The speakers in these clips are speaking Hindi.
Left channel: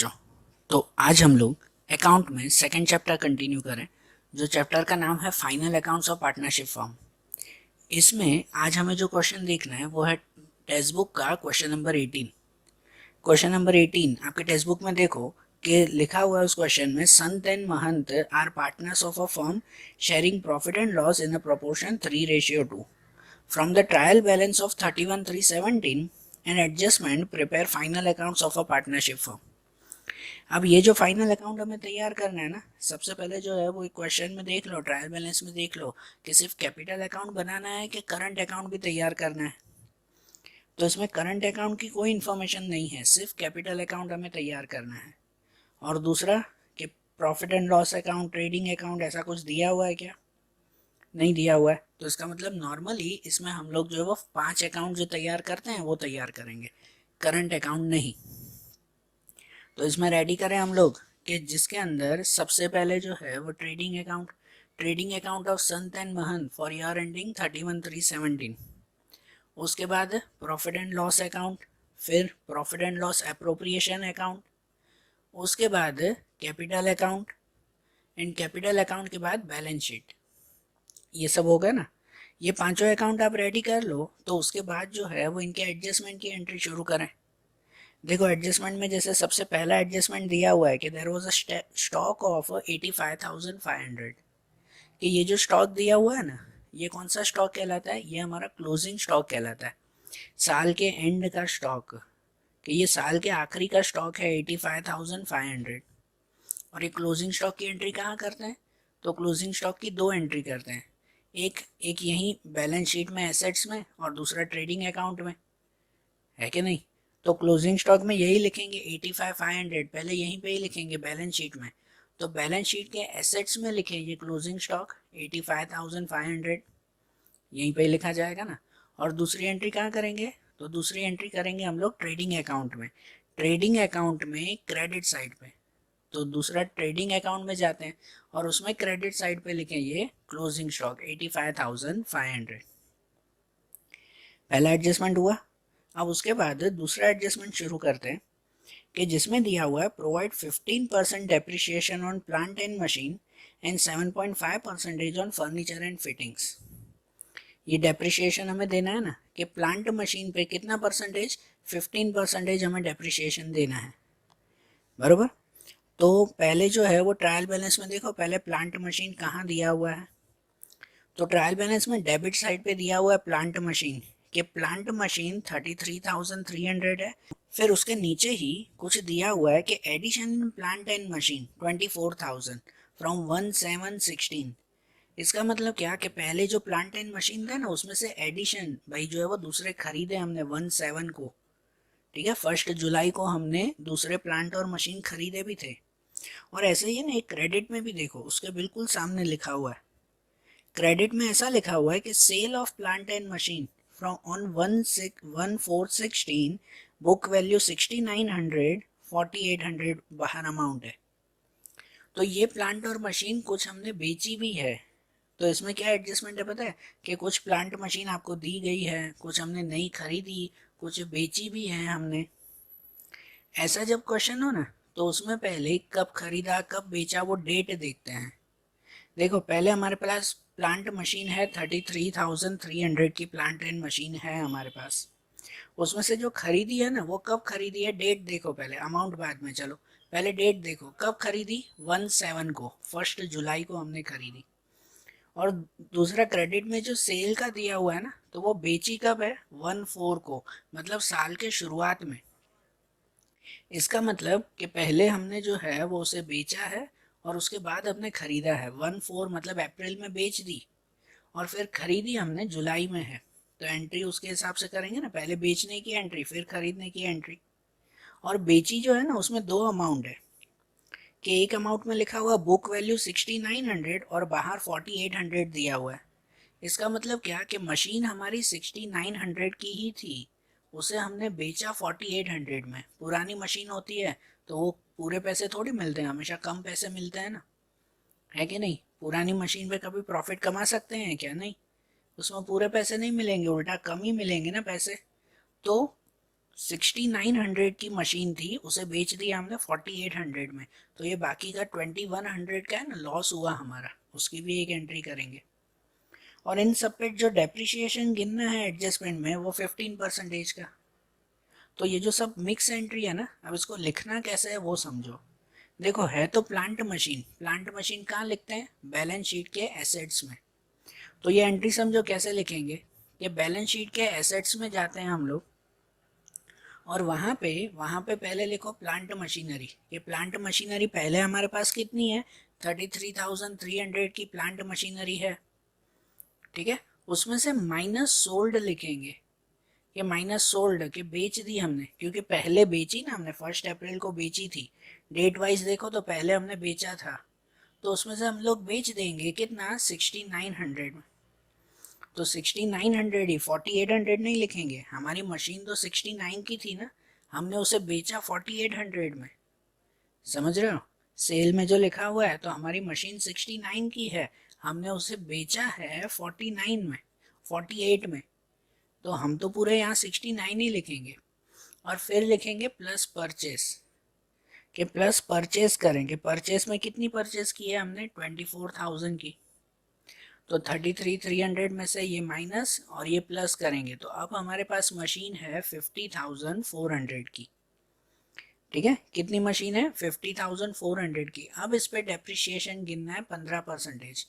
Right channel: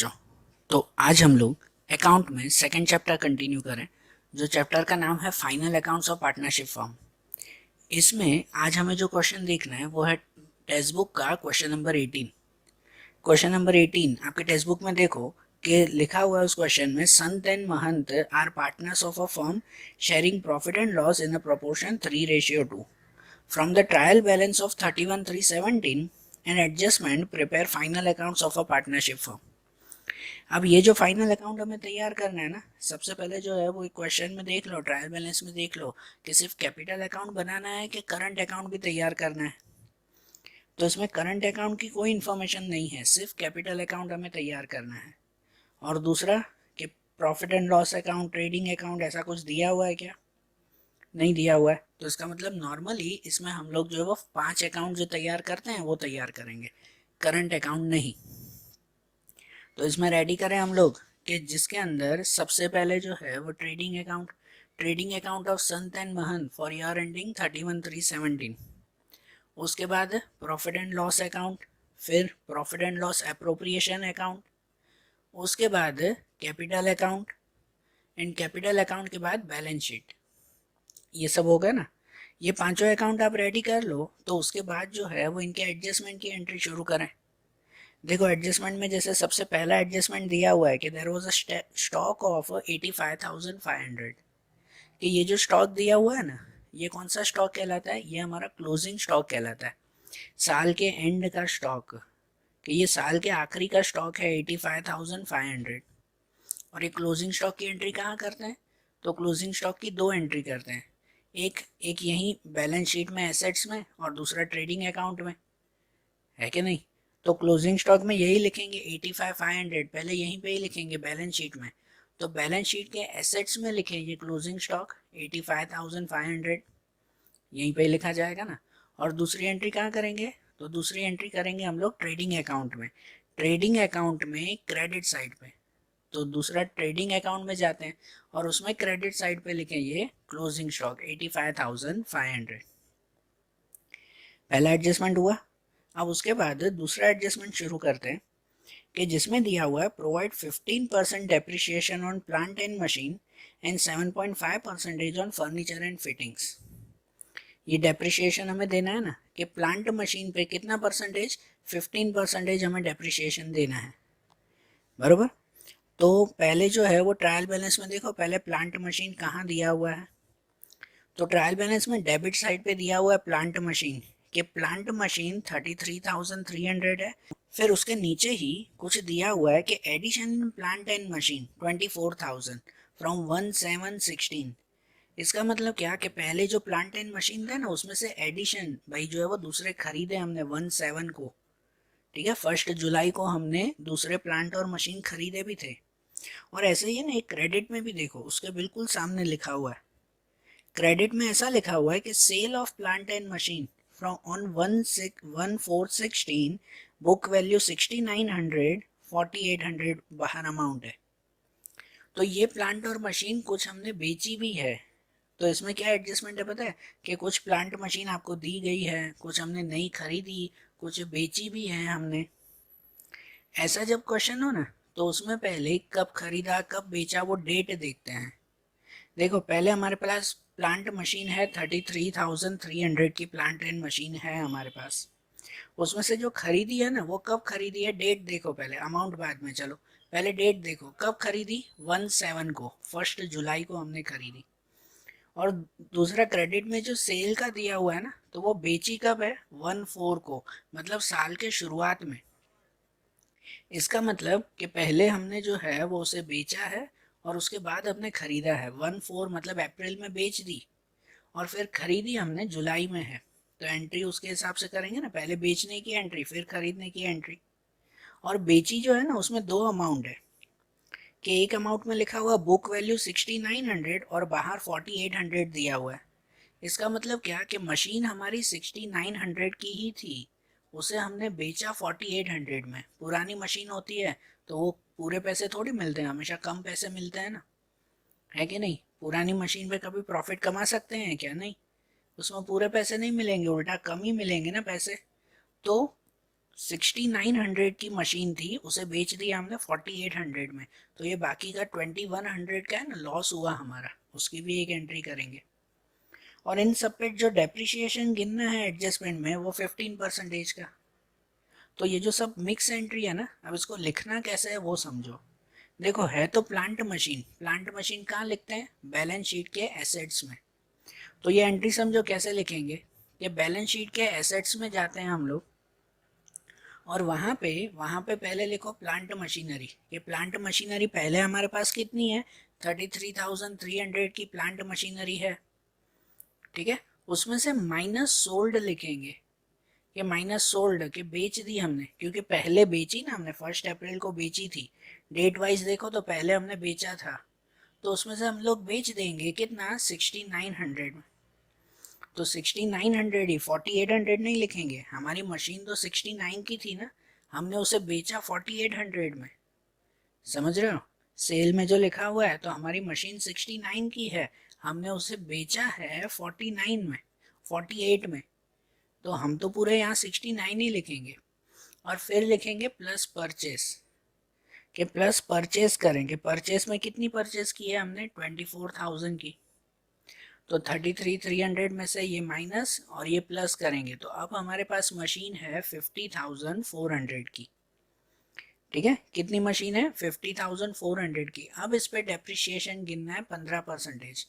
बच्चों, तो आज हम लोग अकाउंट में सेकंड चैप्टर कंटिन्यू करें, जो चैप्टर का नाम है final accounts of partnership firm. इसमें आज हमें जो क्वेश्चन देखना है वो है टेक्स्ट बुक का क्वेश्चन नंबर 18। क्वेश्चन नंबर 18 आपके टेक्स्ट बुक में देखो कि लिखा हुआ है उस क्वेश्चन में, Sant and Mahant are partners of a firm sharing profit and loss in a proportion 3:2। From the trial balance of 31,317 and adjustment prepare final accounts of a partnership firm। अब ये जो फाइनल अकाउंट हमें तैयार करना है ना, सबसे पहले जो है वो एक क्वेश्चन में देख लो, ट्रायल बैलेंस में देख लो कि सिर्फ कैपिटल अकाउंट बनाना है कि करंट अकाउंट भी तैयार करना है। तो इसमें करंट अकाउंट की कोई इन्फॉर्मेशन नहीं है, सिर्फ कैपिटल अकाउंट हमें तैयार करना है। और दूसरा कि profit and loss account, trading account ऐसा कुछ दिया हुआ है क्या? नहीं दिया हुआ है। तो इसका मतलब नॉर्मली इसमें हम लोग जो है वो 5 अकाउंट जो तैयार करते हैं वो तैयार करेंगे, करंट अकाउंट नहीं। तो इसमें रेडी करें हम लोग कि जिसके अंदर सबसे पहले जो है वो trading account of Sant and Mahant for year ending 31/3/17। उसके बाद प्रॉफिट एंड लॉस अकाउंट, फिर profit and loss appropriation account, उसके बाद capital account, and capital account के बाद बैलेंस शीट। ये सब होगा ना, ये पांचों अकाउंट आप रेडी कर लो तो उसके बाद जो है वो इनके एडजस्टमेंट की एंट्री शुरू करें। देखो एडजस्टमेंट में जैसे सबसे पहला एडजस्टमेंट दिया हुआ है कि there was a stock of 85,500। कि ये जो स्टॉक दिया हुआ है ना, ये कौन सा स्टॉक कहलाता है? ये हमारा क्लोजिंग स्टॉक कहलाता है, साल के एंड का स्टॉक। कि ये साल के आखिरी का स्टॉक है 85,500। और ये क्लोजिंग स्टॉक की एंट्री कहाँ करते हैं? तो क्लोजिंग स्टॉक की दो एंट्री करते हैं, एक एक यहीं बैलेंस शीट में एसेट्स में, और दूसरा ट्रेडिंग अकाउंट में, है कि नहीं? तो क्लोजिंग स्टॉक में यही लिखेंगे 85,500, पहले यहीं पे ही लिखेंगे बैलेंस शीट में। तो बैलेंस शीट के एसेट्स में लिखेंगे क्लोजिंग स्टॉक 85,500, यहीं पे ही लिखा जाएगा ना। और दूसरी एंट्री कहाँ करेंगे? तो दूसरी एंट्री करेंगे हम लोग ट्रेडिंग अकाउंट में, ट्रेडिंग अकाउंट में क्रेडिट साइड पे। तो दूसरा ट्रेडिंग अकाउंट में जाते हैं और उसमें क्रेडिट साइड पे लिखेंगे क्लोजिंग स्टॉक 85,500। पहला एडजस्टमेंट हुआ। अब उसके बाद दूसरा एडजस्टमेंट शुरू करते हैं कि जिसमें दिया हुआ है provide 15% depreciation on plant and machine and 7.5% on furniture and fittings. ये डेप्रिसिएशन हमें देना है ना कि प्लांट मशीन पे कितना परसेंटेज? 15% हमें डेप्रिसिएशन देना है, बरोबर। तो पहले जो है वो ट्रायल बैलेंस में देखो, पहले प्लांट मशीन कहाँ दिया हुआ है? तो ट्रायल बैलेंस में डेबिट साइड पे दिया हुआ है प्लांट मशीन, कि प्लांट मशीन 33,300 है। फिर उसके नीचे ही कुछ दिया हुआ है कि एडिशन प्लांट एंड मशीन 24,000 फ्रॉम 1/7/16। इसका मतलब क्या कि पहले जो प्लांट एंड मशीन था ना उसमें से एडिशन भाई जो है वो दूसरे खरीदे हमने 1/7 को, ठीक है, 1 जुलाई को हमने दूसरे प्लांट और मशीन खरीदे भी थे। और ऐसे ही है ना, एक क्रेडिट में भी देखो उसके बिल्कुल सामने लिखा हुआ है, क्रेडिट में ऐसा लिखा हुआ है कि sale of plant and machine from on 1/4/16 book value 6,900, 4,800 बाहर अमाउंट है। तो ये प्लांट और मशीन कुछ हमने बेची भी है। तो इसमें क्या एडजस्टमेंट है पता है? कि कुछ प्लांट मशीन आपको दी गई है, कुछ हमने नई खरीदी, कुछ बेची भी है हमने। ऐसा जब क्वेश्चन हो ना तो उसमें पहले कब खरीदा कब बेचा वो डेट देखते हैं। देखो पहले हमारे पास प्लांट मशीन है 33,300 की प्लांट एंड मशीन है हमारे पास। उसमें से जो खरीदी है ना वो कब खरीदी है, डेट देखो पहले, अमाउंट बाद में, चलो पहले डेट देखो कब खरीदी, 1/7 को, 1 जुलाई को हमने खरीदी। और दूसरा क्रेडिट में जो सेल का दिया हुआ है ना तो वो बेची कब है, 1/4 को, मतलब साल के शुरुआत में। इसका मतलब कि पहले हमने जो है वो उसे बेचा है और उसके बाद हमने खरीदा है। 1/4 मतलब अप्रैल में बेच दी और फिर खरीदी हमने जुलाई में है। तो एंट्री उसके हिसाब से करेंगे ना, पहले बेचने की एंट्री फिर खरीदने की एंट्री। और बेची जो है ना उसमें दो अमाउंट है, कि एक अमाउंट में लिखा हुआ बुक वैल्यू 6,900 और बाहर 4,800 दिया हुआ है। इसका मतलब क्या कि मशीन हमारी 6,900 की ही थी, उसे हमने बेचा 4,800 में। पुरानी मशीन होती है तो वो पूरे पैसे थोड़ी मिलते हैं, हमेशा कम पैसे मिलते हैं ना, है कि नहीं? पुरानी मशीन पे कभी प्रॉफिट कमा सकते हैं क्या? नहीं, उसमें पूरे पैसे नहीं मिलेंगे, उल्टा कम ही मिलेंगे ना पैसे। तो 6900 की मशीन थी, उसे बेच दिया हमने 4800 में, तो ये बाकी का 2100 का है ना लॉस हुआ हमारा, उसकी भी एक एंट्री करेंगे। और इन सब पे जो डेप्रिसिएशन गिनना है एडजस्टमेंट में वो 15% का। तो ये जो सब मिक्स एंट्री है ना, अब इसको लिखना कैसे है वो समझो। देखो है तो प्लांट मशीन, प्लांट मशीन कहाँ लिखते हैं, बैलेंस शीट के एसेट्स में। तो ये एंट्री समझो कैसे लिखेंगे, ये बैलेंस शीट के एसेट्स में जाते हैं हम लोग, और वहाँ पे पहले लिखो प्लांट मशीनरी। ये प्लांट मशीनरी पहले हमारे पास कितनी है, 33,300 की प्लांट मशीनरी है, ठीक है। उसमें से माइनस सोल्ड लिखेंगे, ये माइनस सोल्ड के बेच दी हमने, क्योंकि पहले बेची ना हमने, 1 अप्रैल को बेची थी। डेट वाइज देखो तो पहले हमने बेचा था, तो उसमें से हम लोग बेच देंगे कितना, 6900 में। तो 6900 ही, 4800 नहीं लिखेंगे, हमारी मशीन तो 69 की थी ना, हमने उसे बेचा 4800 में, समझ रहे हो। सेल में जो लिखा हुआ है तो हमारी मशीन 69 की है, हमने उसे बेचा है 49 में, 48 में, तो हम तो पूरे यहाँ 69 ही लिखेंगे। और फिर लिखेंगे प्लस परचेस, कि प्लस परचेस करेंगे, परचेस में कितनी परचेस की है हमने, 24,000 की, तो 33,300 में से ये माइनस और ये प्लस करेंगे, तो अब हमारे पास मशीन है 50,400 की, ठीक है। कितनी मशीन है, 50,400 की। अब इस पे डेप्रिसिएशन गिनना है 15%।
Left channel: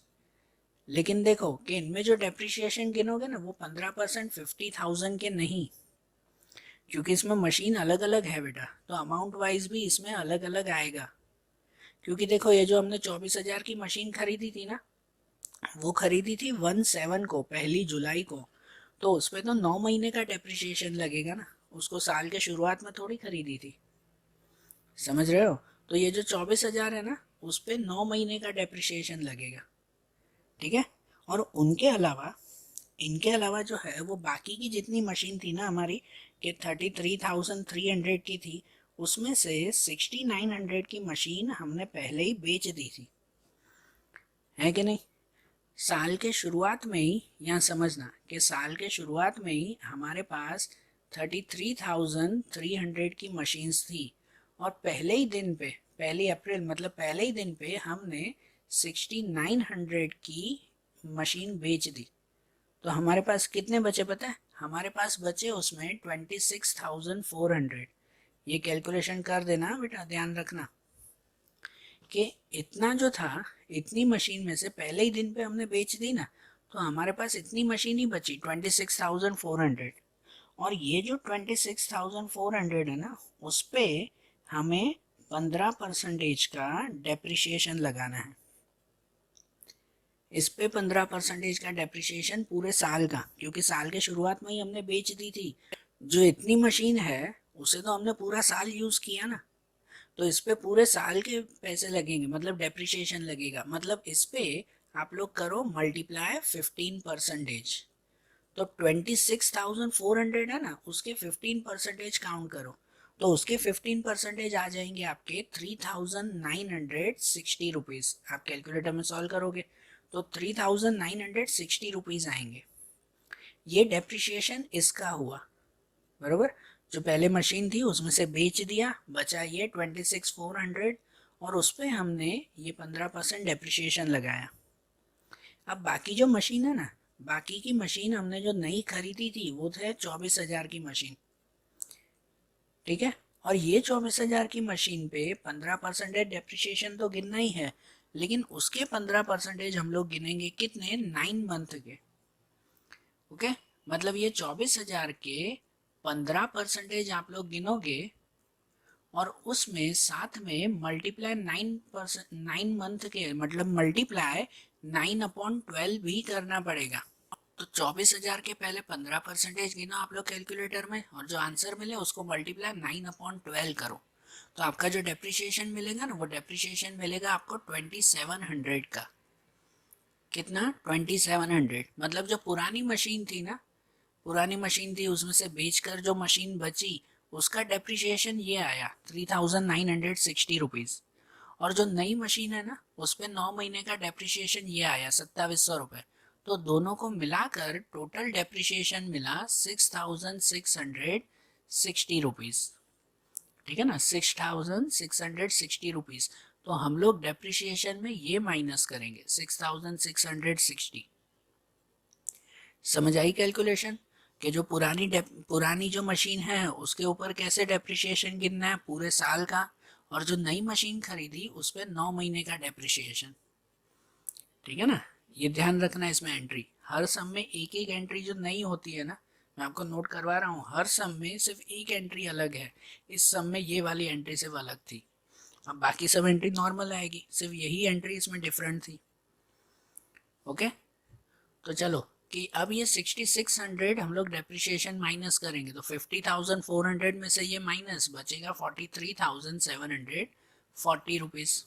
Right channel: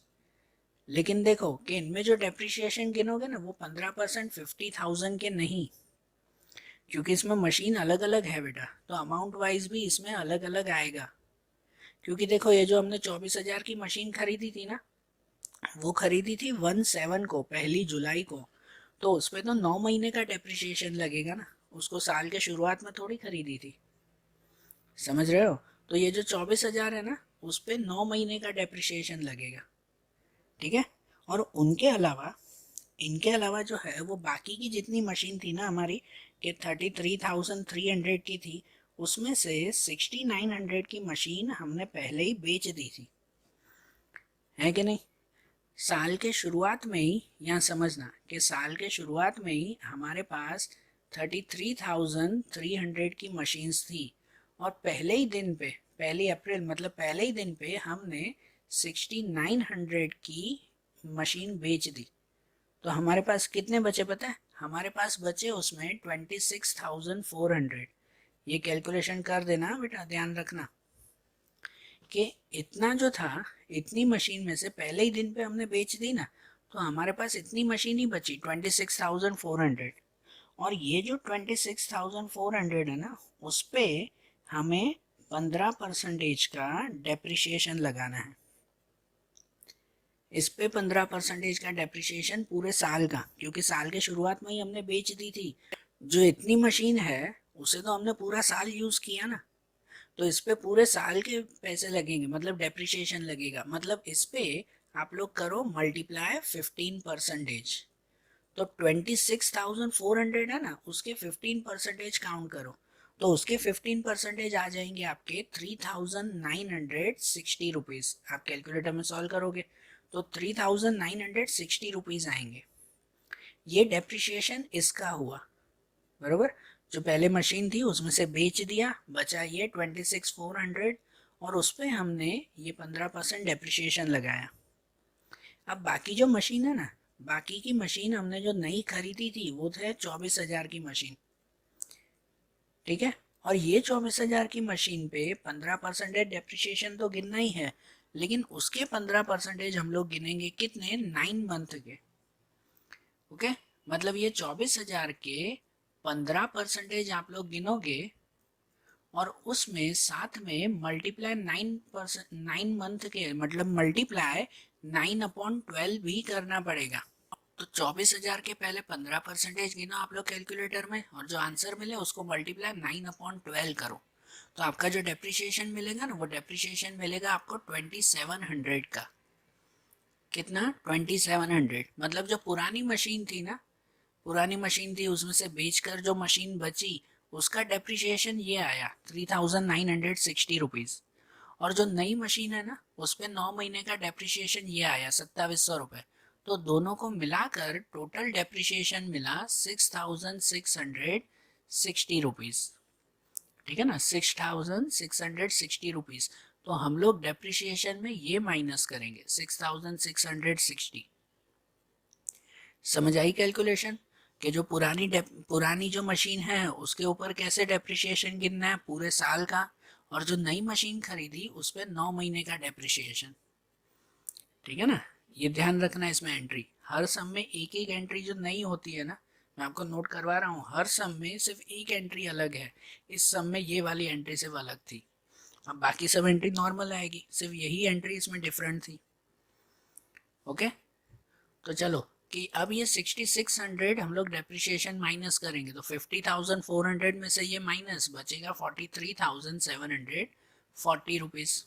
लेकिन देखो कि इनमें जो डेप्रिसिएशन गिनोगे ना वो 15% 50,000 के नहीं, क्योंकि इसमें मशीन अलग अलग है बेटा, तो अमाउंट वाइज भी इसमें अलग अलग आएगा। क्योंकि देखो ये जो हमने 24,000 की मशीन खरीदी थी ना, वो खरीदी थी 1/7 को, 1 जुलाई को, तो उस पर तो 9 महीने का डेप्रिसिएशन लगेगा ना, उसको साल के शुरुआत में थोड़ी खरीदी थी, समझ रहे हो। तो ये जो 24,000 है ना, उस पर 9 महीने का डेप्रिसिएशन लगेगा, ठीक है। और इनके अलावा जो है वो बाकी की जितनी मशीन थी ना हमारी, कि 33,300 की थी, उसमें से 6900 की मशीन हमने पहले ही बेच दी थी, है कि नहीं। साल के शुरुआत में ही, यहाँ समझना कि साल के शुरुआत में ही हमारे पास 33,300 की मशीन्स थी, और पहले ही दिन पे, 1 अप्रैल मतलब पहले ही दिन पे हमने 6900 की मशीन बेच दी। तो हमारे पास कितने बचे पता है, हमारे पास बचे उसमें 26,400। ये कैलकुलेशन कर देना बेटा, ध्यान रखना कि इतना जो था, इतनी मशीन में से पहले ही दिन पे हमने बेच दी ना, तो हमारे पास इतनी मशीन ही बची 26,400। और ये जो 26,400 है ना, उस पे हमें 15% का डेप्रिसिएशन लगाना है। इस पे 15% का डेप्रिसिएशन पूरे साल का, क्योंकि साल के शुरुआत में ही हमने बेच दी थी। जो इतनी मशीन है उसे तो हमने पूरा साल यूज किया ना, तो इस पे पूरे साल के पैसे लगेंगे, मतलब डेप्रिसिएशन लगेगा। मतलब इस पे आप लोग करो मल्टीप्लाई 15%, तो 26,400 है ना, उसके 15% काउंट करो, तो उसके 15% आ जाएंगे आपके 3,960 रुपीज़। आप कैलकुलेटर में सॉल्व करोगे तो 3,960 रुपीज़ आएंगे। ये डेप्रिसिएशन इसका हुआ, बरोबर। जो पहले मशीन थी उसमें से बेच दिया, बचा ये 26,400, और उस पर हमने ये 15% डेप्रिसिएशन लगाया। अब बाकी जो मशीन है ना, बाकी की मशीन हमने जो नई खरीदी थी वो थे 24,000 की मशीन, ठीक है। और ये 24,000 की मशीन पे 15% डेप्रिसिएशन तो गिनना ही है, लेकिन उसके 15% हम लोग गिनेंगे कितने, 9 मंथ के, ओके। मतलब ये 24,000 के 15% आप लोग गिनोगे, और उसमें साथ में मल्टीप्लाई 9 मंथ के, मतलब मल्टीप्लाई 9/12 भी करना पड़ेगा। तो 24,000 के पहले 15% गिनो आप लोग कैलकुलेटर में, और जो आंसर मिले उसको मल्टीप्लाई 9/12 करो, तो आपका जो डेप्रिसिएशन मिलेगा ना, वो डेप्रिसिएशन मिलेगा आपको 2700 का। कितना, 2700। मतलब जो पुरानी मशीन थी ना, पुरानी मशीन थी उसमें से बेचकर जो मशीन बची, उसका डेप्रिसिएशन ये आया 3,960 रुपीज़। और जो नई मशीन है ना, उस पर 9 महीने का डेप्रिसिएशन ये आया 2,700 रुपये। तो दोनों को मिलाकर टोटल डेप्रिसिएशन मिला 6,600 ₹60, ठीक है ना, 6,660 रुपीज़। तो हम लोग डेप्रिसिएशन में ये माइनस करेंगे 6,660। समझ आई कैलकुलेशन कि जो पुरानी जो मशीन है उसके ऊपर कैसे डेप्रिसिएशन गिनना है पूरे साल का, और जो नई मशीन खरीदी उस पर 9 महीने का डेप्रिसिएशन, ठीक है ना। ये ध्यान रखना है इसमें एंट्री, हर सम में एक एक एंट्री जो नई होती है ना, मैं आपको नोट करवा रहा हूँ, हर सम में सिर्फ एक एंट्री अलग है। इस सम में ये वाली एंट्री सिर्फ अलग थी, अब बाकी सब एंट्री नॉर्मल आएगी, सिर्फ यही एंट्री इसमें डिफरेंट थी। ओके, तो चलो कि अब ये 6600 हम लोग डेप्रिसिएशन माइनस करेंगे, तो 50,400 में से ये माइनस बचेगा 43,740 रुपीज़,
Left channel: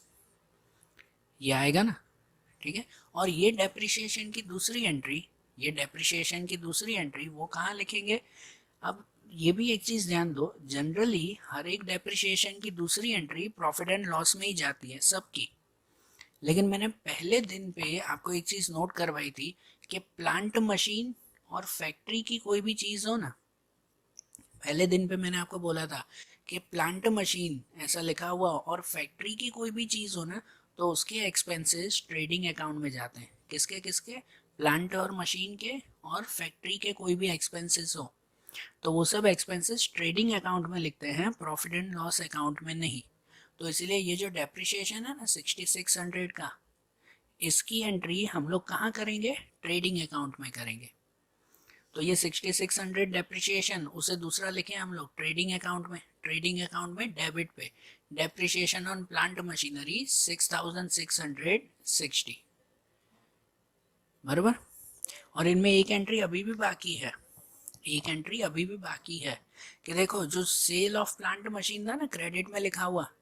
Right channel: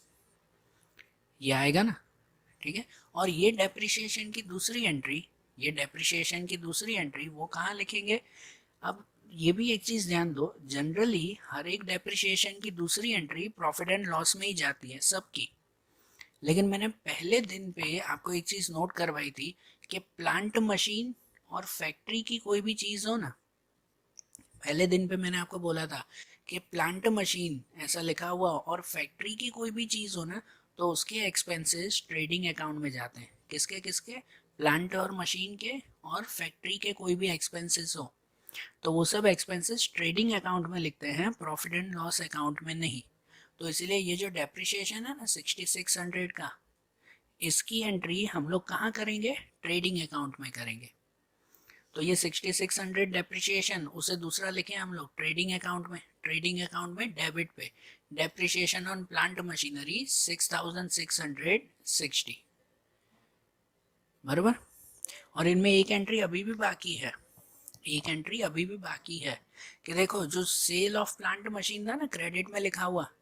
ये आएगा ना, ठीक है। और ये डेप्रिसिएशन की दूसरी एंट्री, ये डेप्रिसिएशन की दूसरी एंट्री वो कहाँ लिखेंगे। अब ये भी एक चीज़ ध्यान दो, जनरली हर एक डेप्रिसिएशन की दूसरी एंट्री प्रॉफिट एंड लॉस में ही जाती है सबकी, लेकिन मैंने पहले दिन पे आपको एक चीज़ नोट करवाई थी कि प्लांट मशीन और फैक्ट्री की कोई भी चीज़ हो ना, पहले दिन पे मैंने आपको बोला था कि प्लांट मशीन ऐसा लिखा हुआ और फैक्ट्री की कोई भी चीज़ हो ना, तो उसके एक्सपेंसेस ट्रेडिंग अकाउंट में जाते हैं। किसके किसके, प्लांट और मशीन के, और फैक्ट्री के कोई भी एक्सपेंसेस हो तो वो सब एक्सपेंसेस ट्रेडिंग अकाउंट में लिखते हैं, प्रॉफिट एंड लॉस अकाउंट में नहीं। तो इसीलिए ये जो डेप्रिसिएशन है ना 6600 का, इसकी एंट्री हम लोग कहाँ करेंगे, ट्रेडिंग अकाउंट में करेंगे। तो ये 6600 डेप्रिसिएशन, उसे दूसरा लिखे हम लोग ट्रेडिंग अकाउंट में, ट्रेडिंग अकाउंट में डेबिट पे डेप्रिसिएशन ऑन प्लांट मशीनरी 6660, बराबर। और इनमें एक एंट्री अभी भी बाकी है, एक एंट्री अभी भी बाकी है कि देखो जो सेल ऑफ प्लांट मशीन था ना क्रेडिट में लिखा हुआ,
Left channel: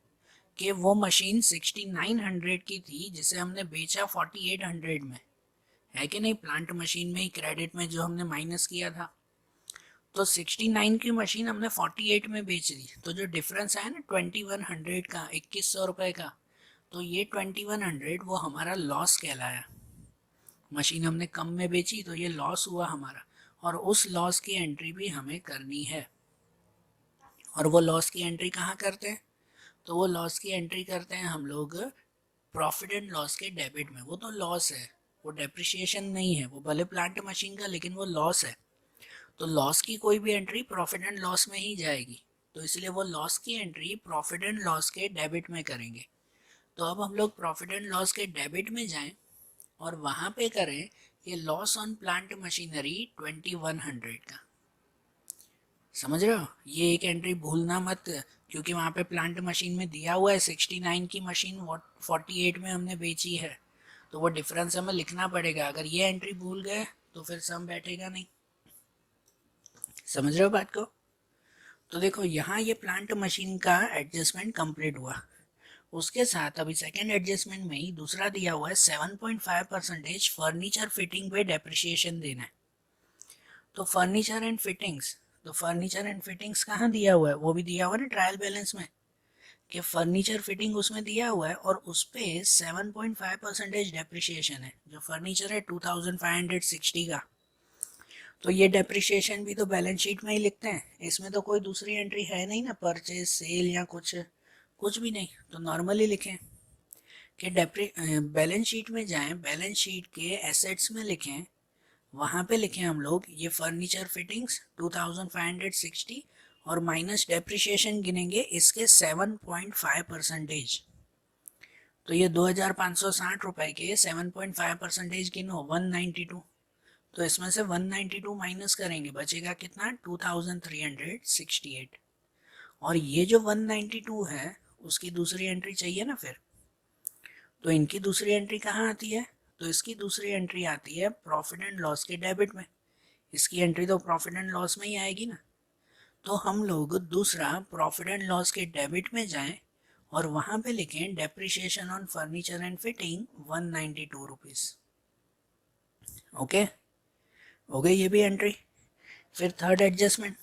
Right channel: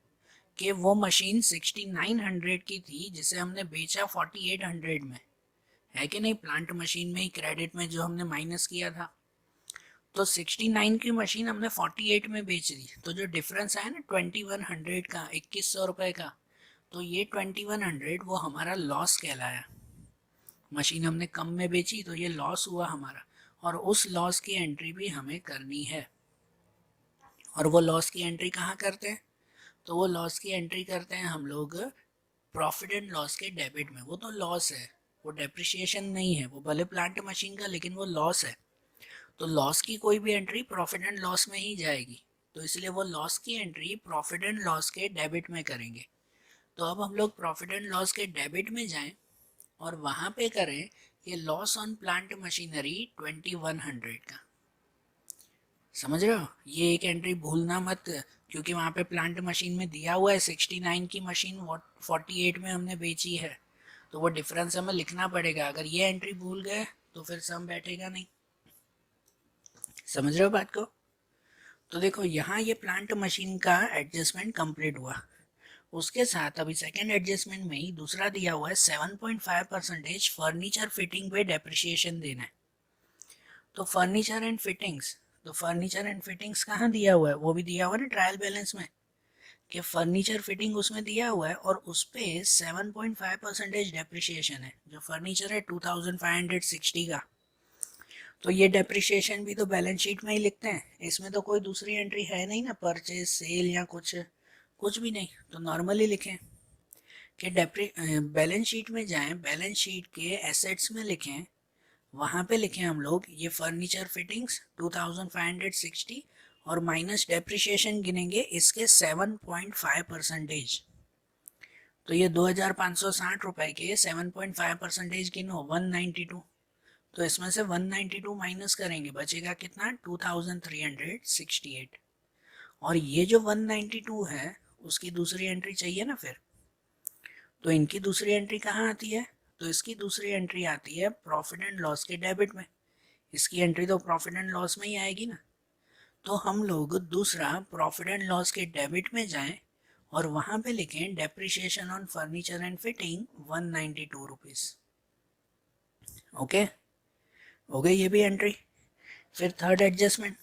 कि वो मशीन 6900 की थी जिसे हमने बेचा 4800 में, है कि नहीं, प्लांट मशीन में ही क्रेडिट में जो हमने माइनस किया था। तो 69 की मशीन हमने 48 में बेच दी, तो जो डिफरेंस आया ना 2100 का, 2100 रुपये का, तो ये 2100 वो हमारा लॉस कहलाया। मशीन हमने कम में बेची तो ये लॉस हुआ हमारा, और उस लॉस की एंट्री भी हमें करनी है। और वो लॉस की एंट्री कहाँ करते हैं, तो वो लॉस की एंट्री करते हैं हम लोग प्रॉफिट एंड लॉस के डेबिट में। वो तो लॉस है, वो डेप्रिसिएशन नहीं है, वो भले प्लांट मशीन का, लेकिन वो लॉस है। तो लॉस की कोई भी एंट्री प्रॉफिट एंड लॉस में ही जाएगी, तो इसलिए वो लॉस की एंट्री प्रॉफिट एंड लॉस के डेबिट में करेंगे। तो अब हम लोग प्रॉफिट एंड लॉस के डेबिट में जाएं और वहाँ पे करें ये लॉस ऑन प्लांट मशीनरी 2100 का। समझ रहे हो, ये एक एंट्री भूलना मत, क्योंकि वहाँ पे प्लांट मशीन में दिया हुआ है 69 की मशीन 48 में हमने बेची है, तो वो डिफरेंस हमें लिखना पड़ेगा। अगर ये एंट्री भूल गए तो फिर सम बैठेगा नहीं। समझ रहे हो बात को। तो देखो यहाँ ये प्लांट मशीन का एडजस्टमेंट कंप्लीट हुआ, उसके साथ अभी सेकेंड एडजस्टमेंट में ही दूसरा दिया हुआ है 7.5% फर्नीचर फिटिंग पे डेप्रिसिएशन देना है। तो फर्नीचर एंड फिटिंग्स, तो फर्नीचर एंड फिटिंग्स कहाँ दिया हुआ है, वो भी दिया हुआ है ना ट्रायल बैलेंस में, कि फर्नीचर फिटिंग उसमें दिया हुआ है और उस पर 7.5% डेप्रिसिएशन है। जो फर्नीचर है 2560 का, तो ये डेप्रिसिएशन भी तो बैलेंस शीट में ही लिखते हैं, इसमें तो कोई दूसरी एंट्री है नहीं ना, परचेज सेल या कुछ कुछ भी नहीं, तो नॉर्मली लिखें कि बैलेंस शीट में जाएं, बैलेंस शीट के एसेट्स में लिखें, वहाँ पे लिखें हम लोग ये फर्नीचर फिटिंग्स 2560 और माइनस डेप्रिसिएशन गिनेंगे इसके 7.5%। तो ये 2560 रुपये के 7.5% गिनो 192, तो इसमें से 192 माइनस करेंगे, बचेगा कितना 2368। और ये जो 192 है उसकी दूसरी एंट्री चाहिए ना फिर, तो इनकी दूसरी एंट्री कहाँ आती है, तो इसकी दूसरी एंट्री आती है प्रॉफिट एंड लॉस के डेबिट में। इसकी एंट्री तो प्रॉफिट एंड लॉस में ही आएगी ना, तो हम लोग दूसरा प्रॉफिट एंड लॉस के डेबिट में जाएं और वहाँ पे लिखें depreciation on furniture and fitting 192 rupees. Okay, हो गई ये भी एंट्री। फिर थर्ड एडजस्टमेंट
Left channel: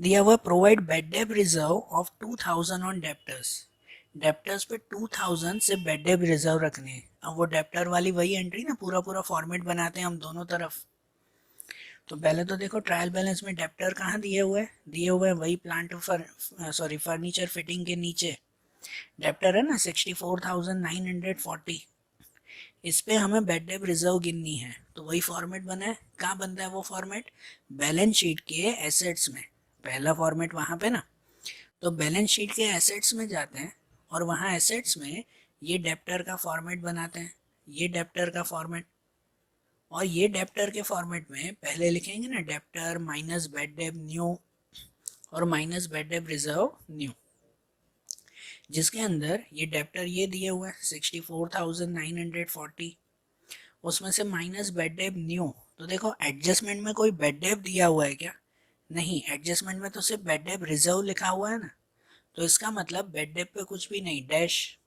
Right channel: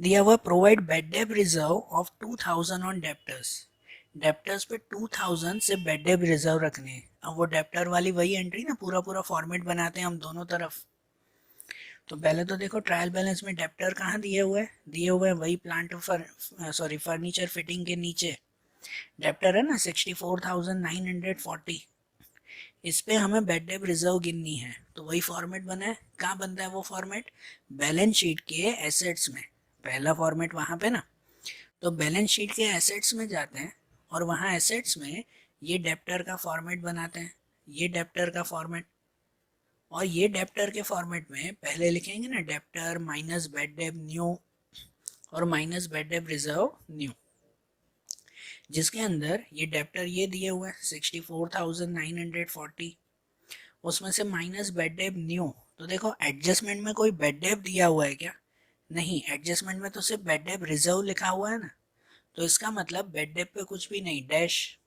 दिया हुआ provide bad debt reserve of 2000 on debtors, debtors पे 2000 से बेड डेब रिजर्व रखने हैं। अब वो डेप्टर वाली वही एंट्री ना, पूरा पूरा फॉर्मेट बनाते हैं हम दोनों तरफ। तो पहले तो देखो ट्रायल बैलेंस में डेप्टर कहाँ दिए हुए हैं, दिए हुए हैं वही प्लांट फर्नीचर फिटिंग के नीचे डेप्टर है ना 64,940। इस पे हमें बेड डेप रिजर्व गिननी है, तो वही फॉर्मेट बना है। कहाँ बनता है वो फॉर्मेट? बैलेंस शीट के एसेट्स में, पहला फॉर्मेट वहाँ पे ना। तो बैलेंस शीट के एसेट्स में जाते हैं और वहाँ एसेट्स में ये डेप्टर का फॉर्मेट बनाते हैं, ये डेप्टर का फॉर्मेट। और ये डेप्टर के फॉर्मेट में पहले लिखेंगे ना debtor minus bad debt new और minus bad debt reserve new, जिसके अंदर ये डेप्टर ये दिए हुए हैं 64,940, उसमें से माइनस बेड डेप न्यू। तो देखो एडजस्टमेंट में कोई बेड डेप दिया हुआ है क्या? नहीं, एडजस्टमेंट में तो सिर्फ बेड डेप रिजर्व लिखा हुआ है ना। तो इसका मतलब बेड डेप पे कुछ भी नहीं, डैश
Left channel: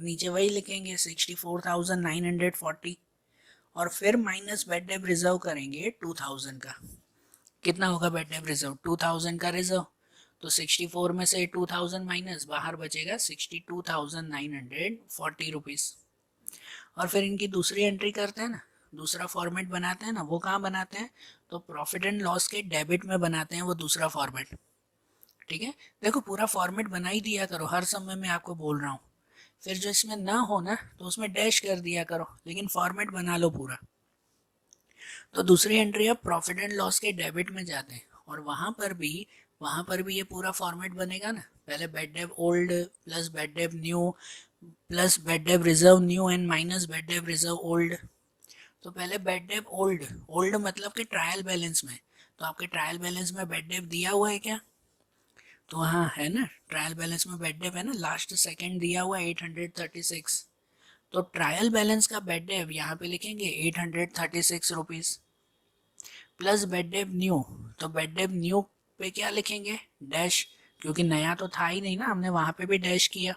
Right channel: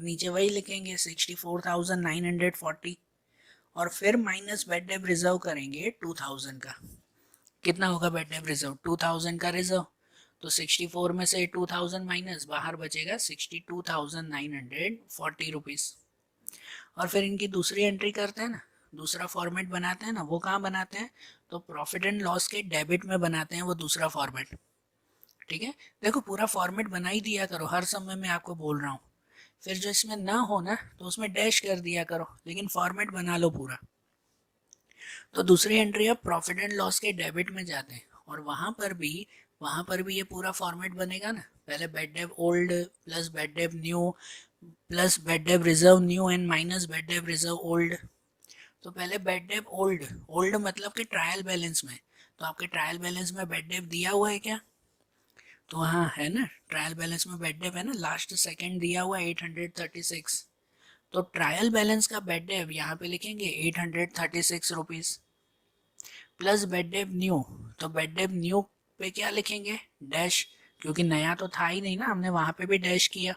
नीचे वही लिखेंगे 64,940 और फिर माइनस बेड डेप रिजर्व करेंगे 2000 का। कितना होगा बेड डेप रिजर्व? 2000 का रिजर्व, तो 64 में से 2000 माइनस, बाहर बचेगा 62,940 रुपीज़। और फिर इनकी दूसरी एंट्री करते हैं ना, दूसरा फॉर्मेट बनाते हैं ना। वो कहाँ बनाते हैं? तो प्रॉफिट एंड लॉस के डेबिट में बनाते हैं वो दूसरा फॉर्मेट। ठीक है, देखो पूरा फॉर्मेट बना ही दिया करो, हर समय मैं आपको बोल रहा हूँ। फिर जो इसमें ना हो ना तो उसमें डैश कर दिया करो, लेकिन फॉर्मेट बना लो पूरा। तो दूसरी एंट्री अब प्रॉफिट एंड लॉस के डेबिट में जाते हैं और वहाँ पर भी ये पूरा फॉर्मेट बनेगा ना। पहले bad debt old plus bed debt new plus bed debt reserve new and minus bad debt reserve old. तो पहले बेड डेप ओल्ड, ओल्ड मतलब कि ट्रायल बैलेंस में, तो आपके ट्रायल बैलेंस में बेड डेप दिया हुआ है क्या? तो हाँ है ना, ट्रायल बैलेंस में बेड डेप है ना, लास्ट सेकंड दिया हुआ है 836। तो ट्रायल बैलेंस का बेड डेप यहाँ पे लिखेंगे 836 rupees plus bed debt new. तो बेड डेप न्यू पे क्या लिखेंगे? डैश, क्योंकि नया तो था ही नहीं ना, हमने वहाँ पे भी डैश किया।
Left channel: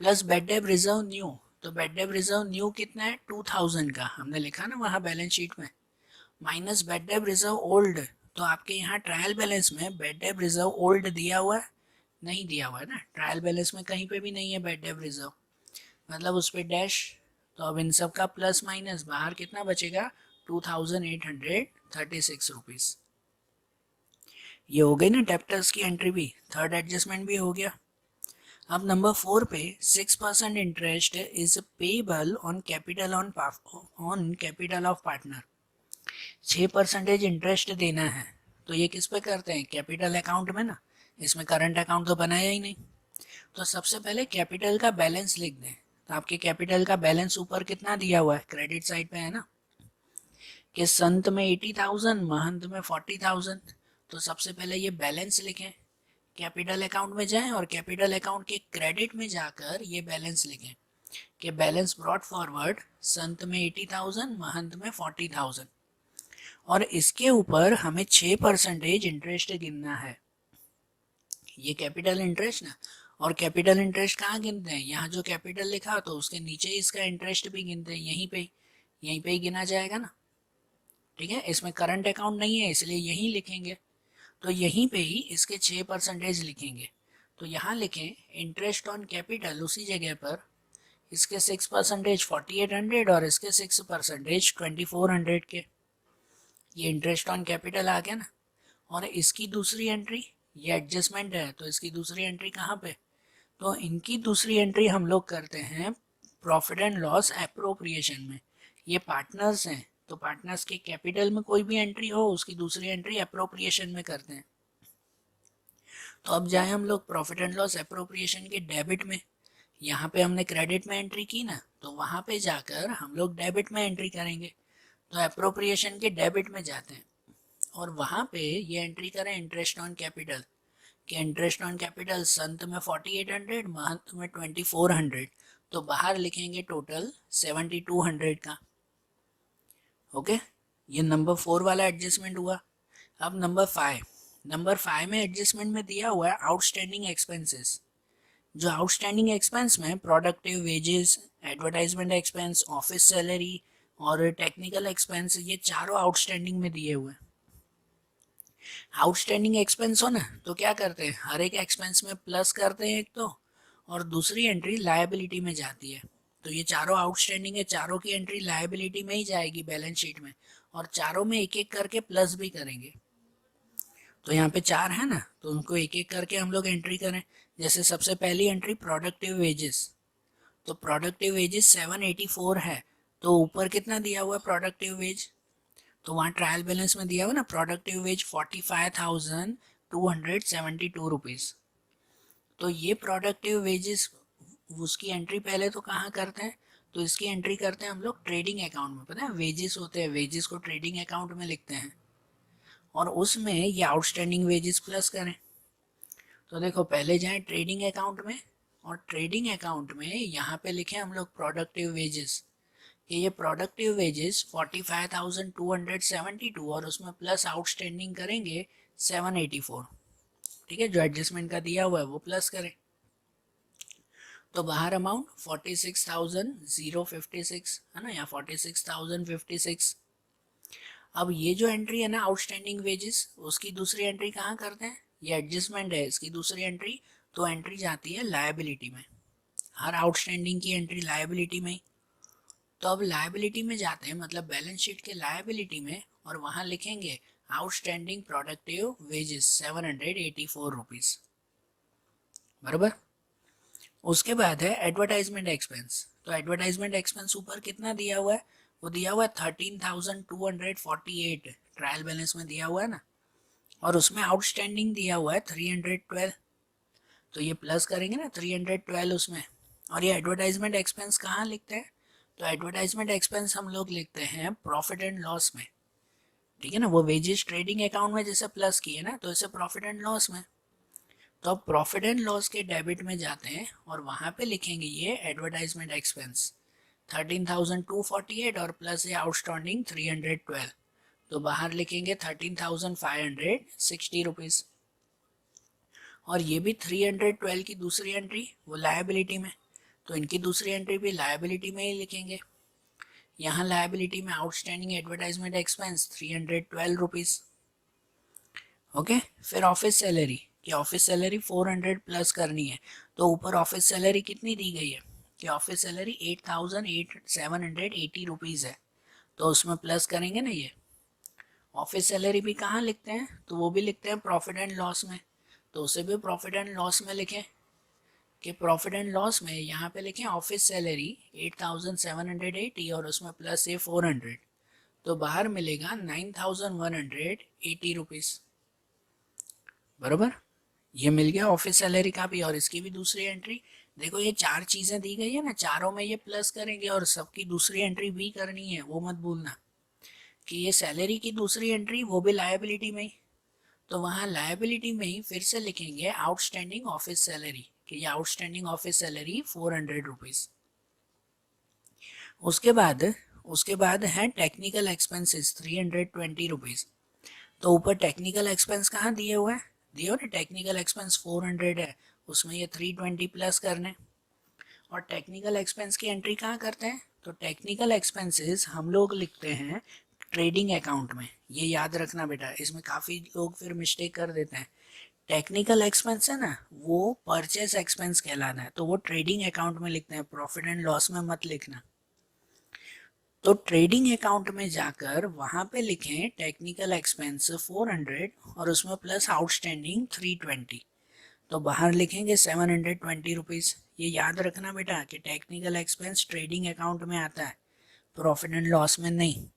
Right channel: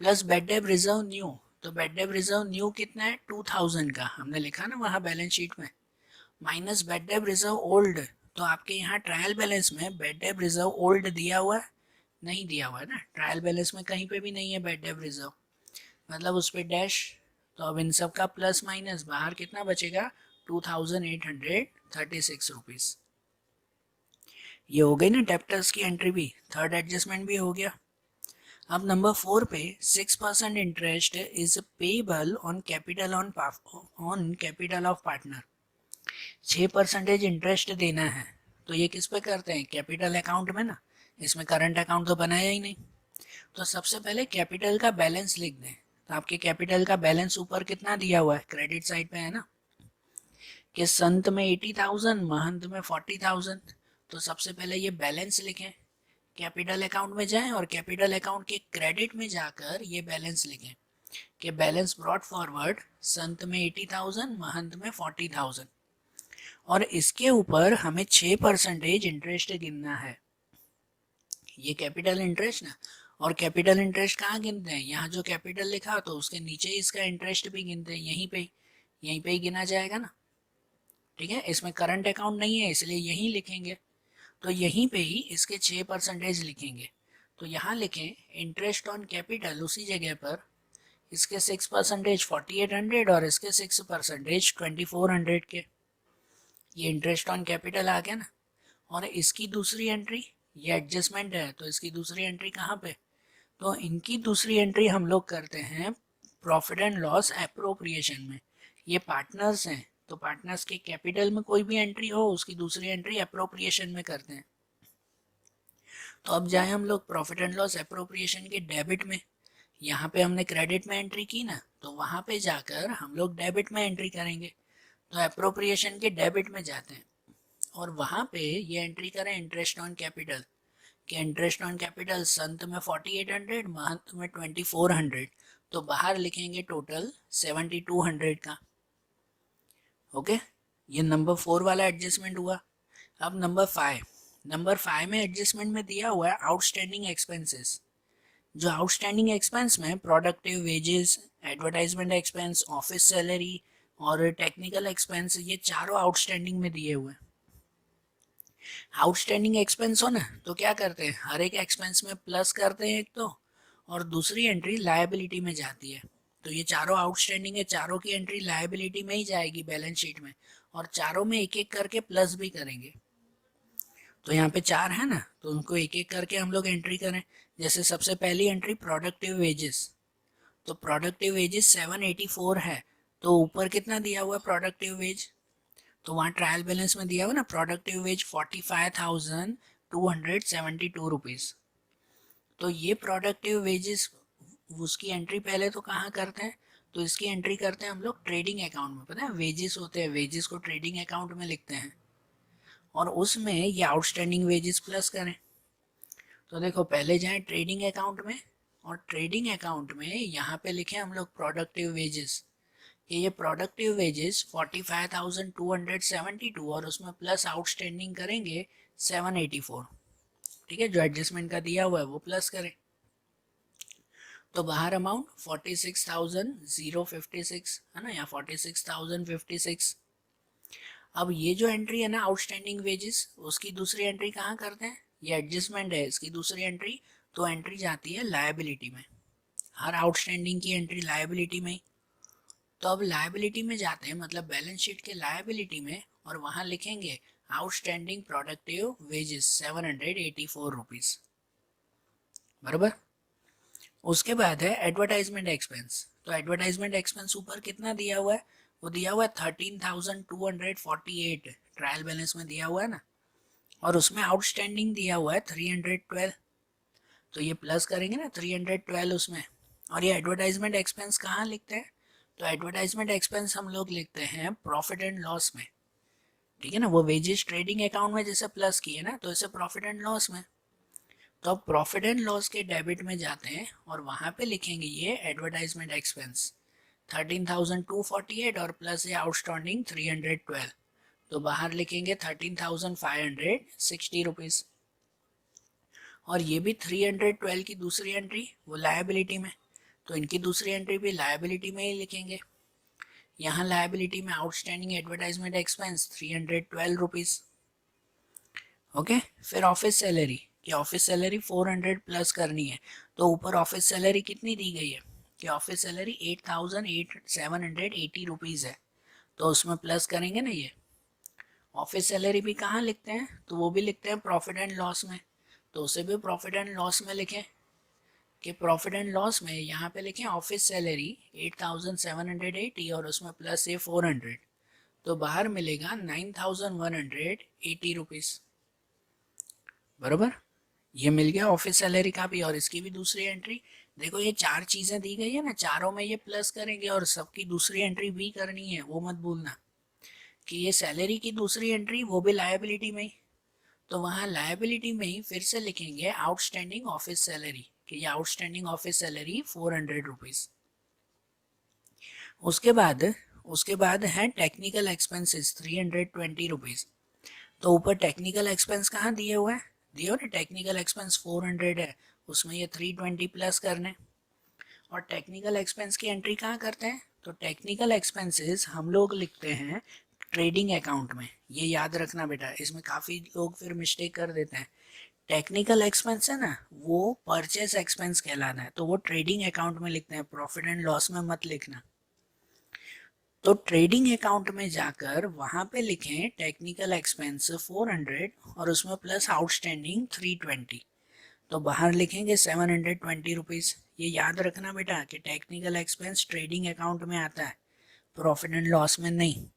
Plus bed debt reserve new, तो बेड डेप रिजर्व न्यू कितना है? 2000 का, हमने लिखा ना वहाँ बैलेंस शीट में। Minus bad debt reserve old, तो आपके यहाँ ट्रायल बैलेंस में बेड डेप रिजर्व ओल्ड दिया हुआ है? नहीं दिया हुआ है ना, ट्रायल बैलेंस में कहीं पे भी नहीं है बेड डेप रिजर्व, मतलब उस पर डैश। तो अब इन सब का प्लस माइनस, बाहर कितना बचेगा? 2836 रुपीज़। ये हो गई ना डेप्टर्स की एंट्री भी, थर्ड एडजस्टमेंट भी हो गया। अब नंबर 4 पे 6% interest is payable on capital on capital of partner. 6% interest देना है, तो ये किस पे करते हैं? कैपिटल अकाउंट में ना, इसमें करंट अकाउंट तो बनाया ही नहीं। तो सबसे पहले कैपिटल का बैलेंस लिख दें। तो आपके कैपिटल का बैलेंस ऊपर कितना दिया हुआ है? क्रेडिट साइड पे है ना, कि संत में 80,000, महंत में 40,000। तो सबसे पहले ये बैलेंस लिखें, कैपिटल अकाउंट में जाएं और कैपिटल अकाउंट के क्रेडिट में जाकर ये बैलेंस लिखें कि बैलेंस ब्रॉट फॉरवर्ड, संत में 80,000, महंत में 40,000। और इसके ऊपर हमें 6% इंटरेस्ट गिनना है, ये कैपिटल इंटरेस्ट ना। और कैपिटल इंटरेस्ट कहाँ गिनते हैं? यहाँ जो कैपिटल लिखा तो उसके नीचे इसका इंटरेस्ट भी गिनते हैं, यहीं पे ही गिना जाएगा ना। ठीक है, इसमें करंट अकाउंट नहीं है इसलिए यहीं लिखेंगे, तो यहीं पे ही इसके 6% लिखेंगे। तो यहाँ लिखें इंटरेस्ट ऑन कैपिटल, उसी जगह पर इसके 6% 4800 और इसके 6% 2400 के, ये इंटरेस्ट ऑन कैपिटल आ गया ना। और इसकी दूसरी एंट्री, ये एडजस्टमेंट है तो इसकी दूसरी एंट्री कहाँ पे? तो इनकी दूसरी एंट्री हम लोग करते हैं प्रॉफिट एंड लॉस एप्रोप्रिएशन में। ये पार्टनर्स हैं तो पार्टनर्स के कैपिटल में कोई भी एंट्री हो उसकी दूसरी एंट्री एप्रोप्रिएशन में करते हैं। तो अब जाए हम लोग प्रॉफिट एंड लॉस एप्रोप्रिएशन के डेबिट में। यहाँ पे हमने क्रेडिट में एंट्री की ना, तो वहाँ पे जाकर हम लोग डेबिट में एंट्री करेंगे। तो एप्रोप्रिएशन के डेबिट में जाते हैं और वहाँ पे ये एंट्री करें इंटरेस्ट ऑन कैपिटल, कि इंटरेस्ट ऑन कैपिटल संत में 4800, महंत में 2400। तो बाहर लिखेंगे टोटल 7200 का। ओके, ये नंबर 4 वाला एडजस्टमेंट हुआ। अब नंबर 5 में एडजस्टमेंट में दिया हुआ है आउटस्टैंडिंग एक्सपेंसेस। जो आउटस्टैंडिंग एक्सपेंस में productive wages, advertisement expense, office salary और टेक्निकल एक्सपेंस, ये चारों आउटस्टैंडिंग में दिए हुए हैं। आउटस्टैंडिंग एक्सपेंस हो ना तो क्या करते हैं, हर एक एक्सपेंस में प्लस करते हैं एक तो, और दूसरी एंट्री लायबिलिटी में जाती है। तो ये चारों आउटस्टैंडिंग है, चारों की एंट्री लायबिलिटी में ही जाएगी बैलेंस शीट में, और चारों में एक एक करके प्लस भी करेंगे। तो यहाँ पे 4 है ना, तो उनको एक एक करके हम लोग एंट्री करें। जैसे सबसे पहली एंट्री प्रोडक्टिव वेजेस, तो प्रोडक्टिव वेजेस 784 है, तो ऊपर कितना दिया हुआ है प्रोडक्टिव वेज, तो वहाँ ट्रायल बैलेंस में दिया हुआ ना प्रोडक्टिव वेज 45,272 रुपीज़। तो ये प्रोडक्टिव वेजेस उसकी एंट्री पहले तो कहाँ करते हैं, तो इसकी एंट्री करते हैं हम लोग ट्रेडिंग अकाउंट में। पता है वेजेस होते हैं, वेजेस को ट्रेडिंग अकाउंट में लिखते हैं और उसमें ये आउटस्टैंडिंग वेजेस प्लस करें। तो देखो पहले जाएं ट्रेडिंग अकाउंट में और ट्रेडिंग अकाउंट में यहाँ पे लिखे हम लोग प्रोडक्टिव वेजेस, कि ये प्रोडक्टिव वेजेस 45,272 और उसमें प्लस आउटस्टैंडिंग करेंगे 784। ठीक है, जो एडजस्टमेंट का दिया हुआ है वो प्लस करें। तो बाहर अमाउंट 46,056 है ना, या 46,056। अब ये जो एंट्री है ना आउटस्टैंडिंग वेजेस, उसकी दूसरी एंट्री कहाँ करते हैं, ये एडजस्टमेंट है इसकी दूसरी एंट्री, तो एंट्री जाती है लायबिलिटी में। हर आउटस्टैंडिंग की एंट्री लायबिलिटी में। तो अब लायबिलिटी में जाते हैं, मतलब बैलेंस शीट के लायबिलिटी में, और वहां लिखेंगे आउटस्टैंडिंग प्रोडक्टिव वेजेस 784 रुपीज, बराबर। उसके बाद है एडवर्टाइजमेंट एक्सपेंस। तो एडवर्टाइजमेंट एक्सपेंस ऊपर कितना दिया हुआ है, वो दिया हुआ है 13,248, ट्रायल बैलेंस में दिया हुआ है ना, और उसमें आउटस्टैंडिंग दिया हुआ है 312। तो ये प्लस करेंगे ना 312 उसमें। और ये एडवर्टाइजमेंट एक्सपेंस कहाँ लिखते हैं, तो एडवर्टाइजमेंट एक्सपेंस हम लोग लिखते हैं प्रॉफिट एंड लॉस में। ठीक है ना, वो वेजेस ट्रेडिंग अकाउंट में जैसे प्लस किए ना, तो इसे प्रॉफिट एंड लॉस में। तो अब प्रॉफिट एंड लॉस के डेबिट में जाते हैं और वहां पे लिखेंगे ये एडवर्टाइजमेंट एक्सपेंस 13,248 और प्लस ये आउटस्टैंडिंग 312। तो बाहर लिखेंगे 13,560 रुपीज। और ये भी 312 की दूसरी एंट्री वो लायबिलिटी में, तो इनकी दूसरी एंट्री भी लायबिलिटी में ही लिखेंगे। यहाँ लायबिलिटी में outstanding advertisement expense 312 rupees. Okay, फिर ऑफिस सैलरी, कि ऑफिस सैलरी 400 प्लस करनी है। तो ऊपर ऑफिस सैलरी कितनी दी गई है, कि ऑफिस सैलरी 8,780 रुपीज है, तो उसमें प्लस करेंगे ना ये। ऑफिस सैलरी भी कहाँ लिखते हैं, तो वो भी लिखते हैं प्रॉफिट एंड लॉस में, तो उसे भी प्रॉफिट एंड लॉस में लिखें। कि प्रॉफिट एंड लॉस में यहाँ पे लिखें ऑफिस सैलरी 8,780 और उसमें प्लस ये 400, तो बाहर मिलेगा 9,180 रुपीज, बराबर। ये मिल गया ऑफिस सैलरी का भी, और इसकी भी दूसरी एंट्री। देखो ये 4 चीजें दी गई है ना, चारों में ये प्लस करेंगे और सबकी दूसरी एंट्री भी करनी है, वो मत भूलना। कि ये सैलरी की दूसरी एंट्री वो भी लायबिलिटी में ही, तो वहाँ लायबिलिटी में ही फिर से लिखेंगे आउटस्टैंडिंग ऑफिस सैलरी, कि ये आउटस्टैंडिंग ऑफिस सैलरी 400 रुपीज। उसके बाद है टेक्निकल एक्सपेंसेस 320 रुपीज। तो ऊपर टेक्निकल एक्सपेंस कहाँ दिए हुए हैं, दिए हो ना, टेक्निकल एक्सपेंस 400 है, उसमें ये 320 प्लस करने। और टेक्निकल एक्सपेंस की एंट्री कहाँ करते हैं, तो टेक्निकल एक्सपेंसेस हम लोग लिखते हैं ट्रेडिंग अकाउंट में। ये याद रखना बेटा, इसमें काफ़ी लोग फिर मिस्टेक कर देते हैं। टेक्निकल एक्सपेंस है ना, वो परचेस एक्सपेंस कहलाता है, तो वो ट्रेडिंग अकाउंट में लिखते हैं, प्रॉफिट एंड लॉस में मत लिखना। तो ट्रेडिंग अकाउंट में जाकर वहां पे लिखें टेक्निकल एक्सपेंस 400 और उसमें प्लस आउटस्टैंडिंग 320, तो बाहर लिखेंगे 720 रुपीज। ये याद रखना बेटा कि टेक्निकल एक्सपेंस ट्रेडिंग अकाउंट में आता है, प्रॉफिट एंड लॉस में नहीं।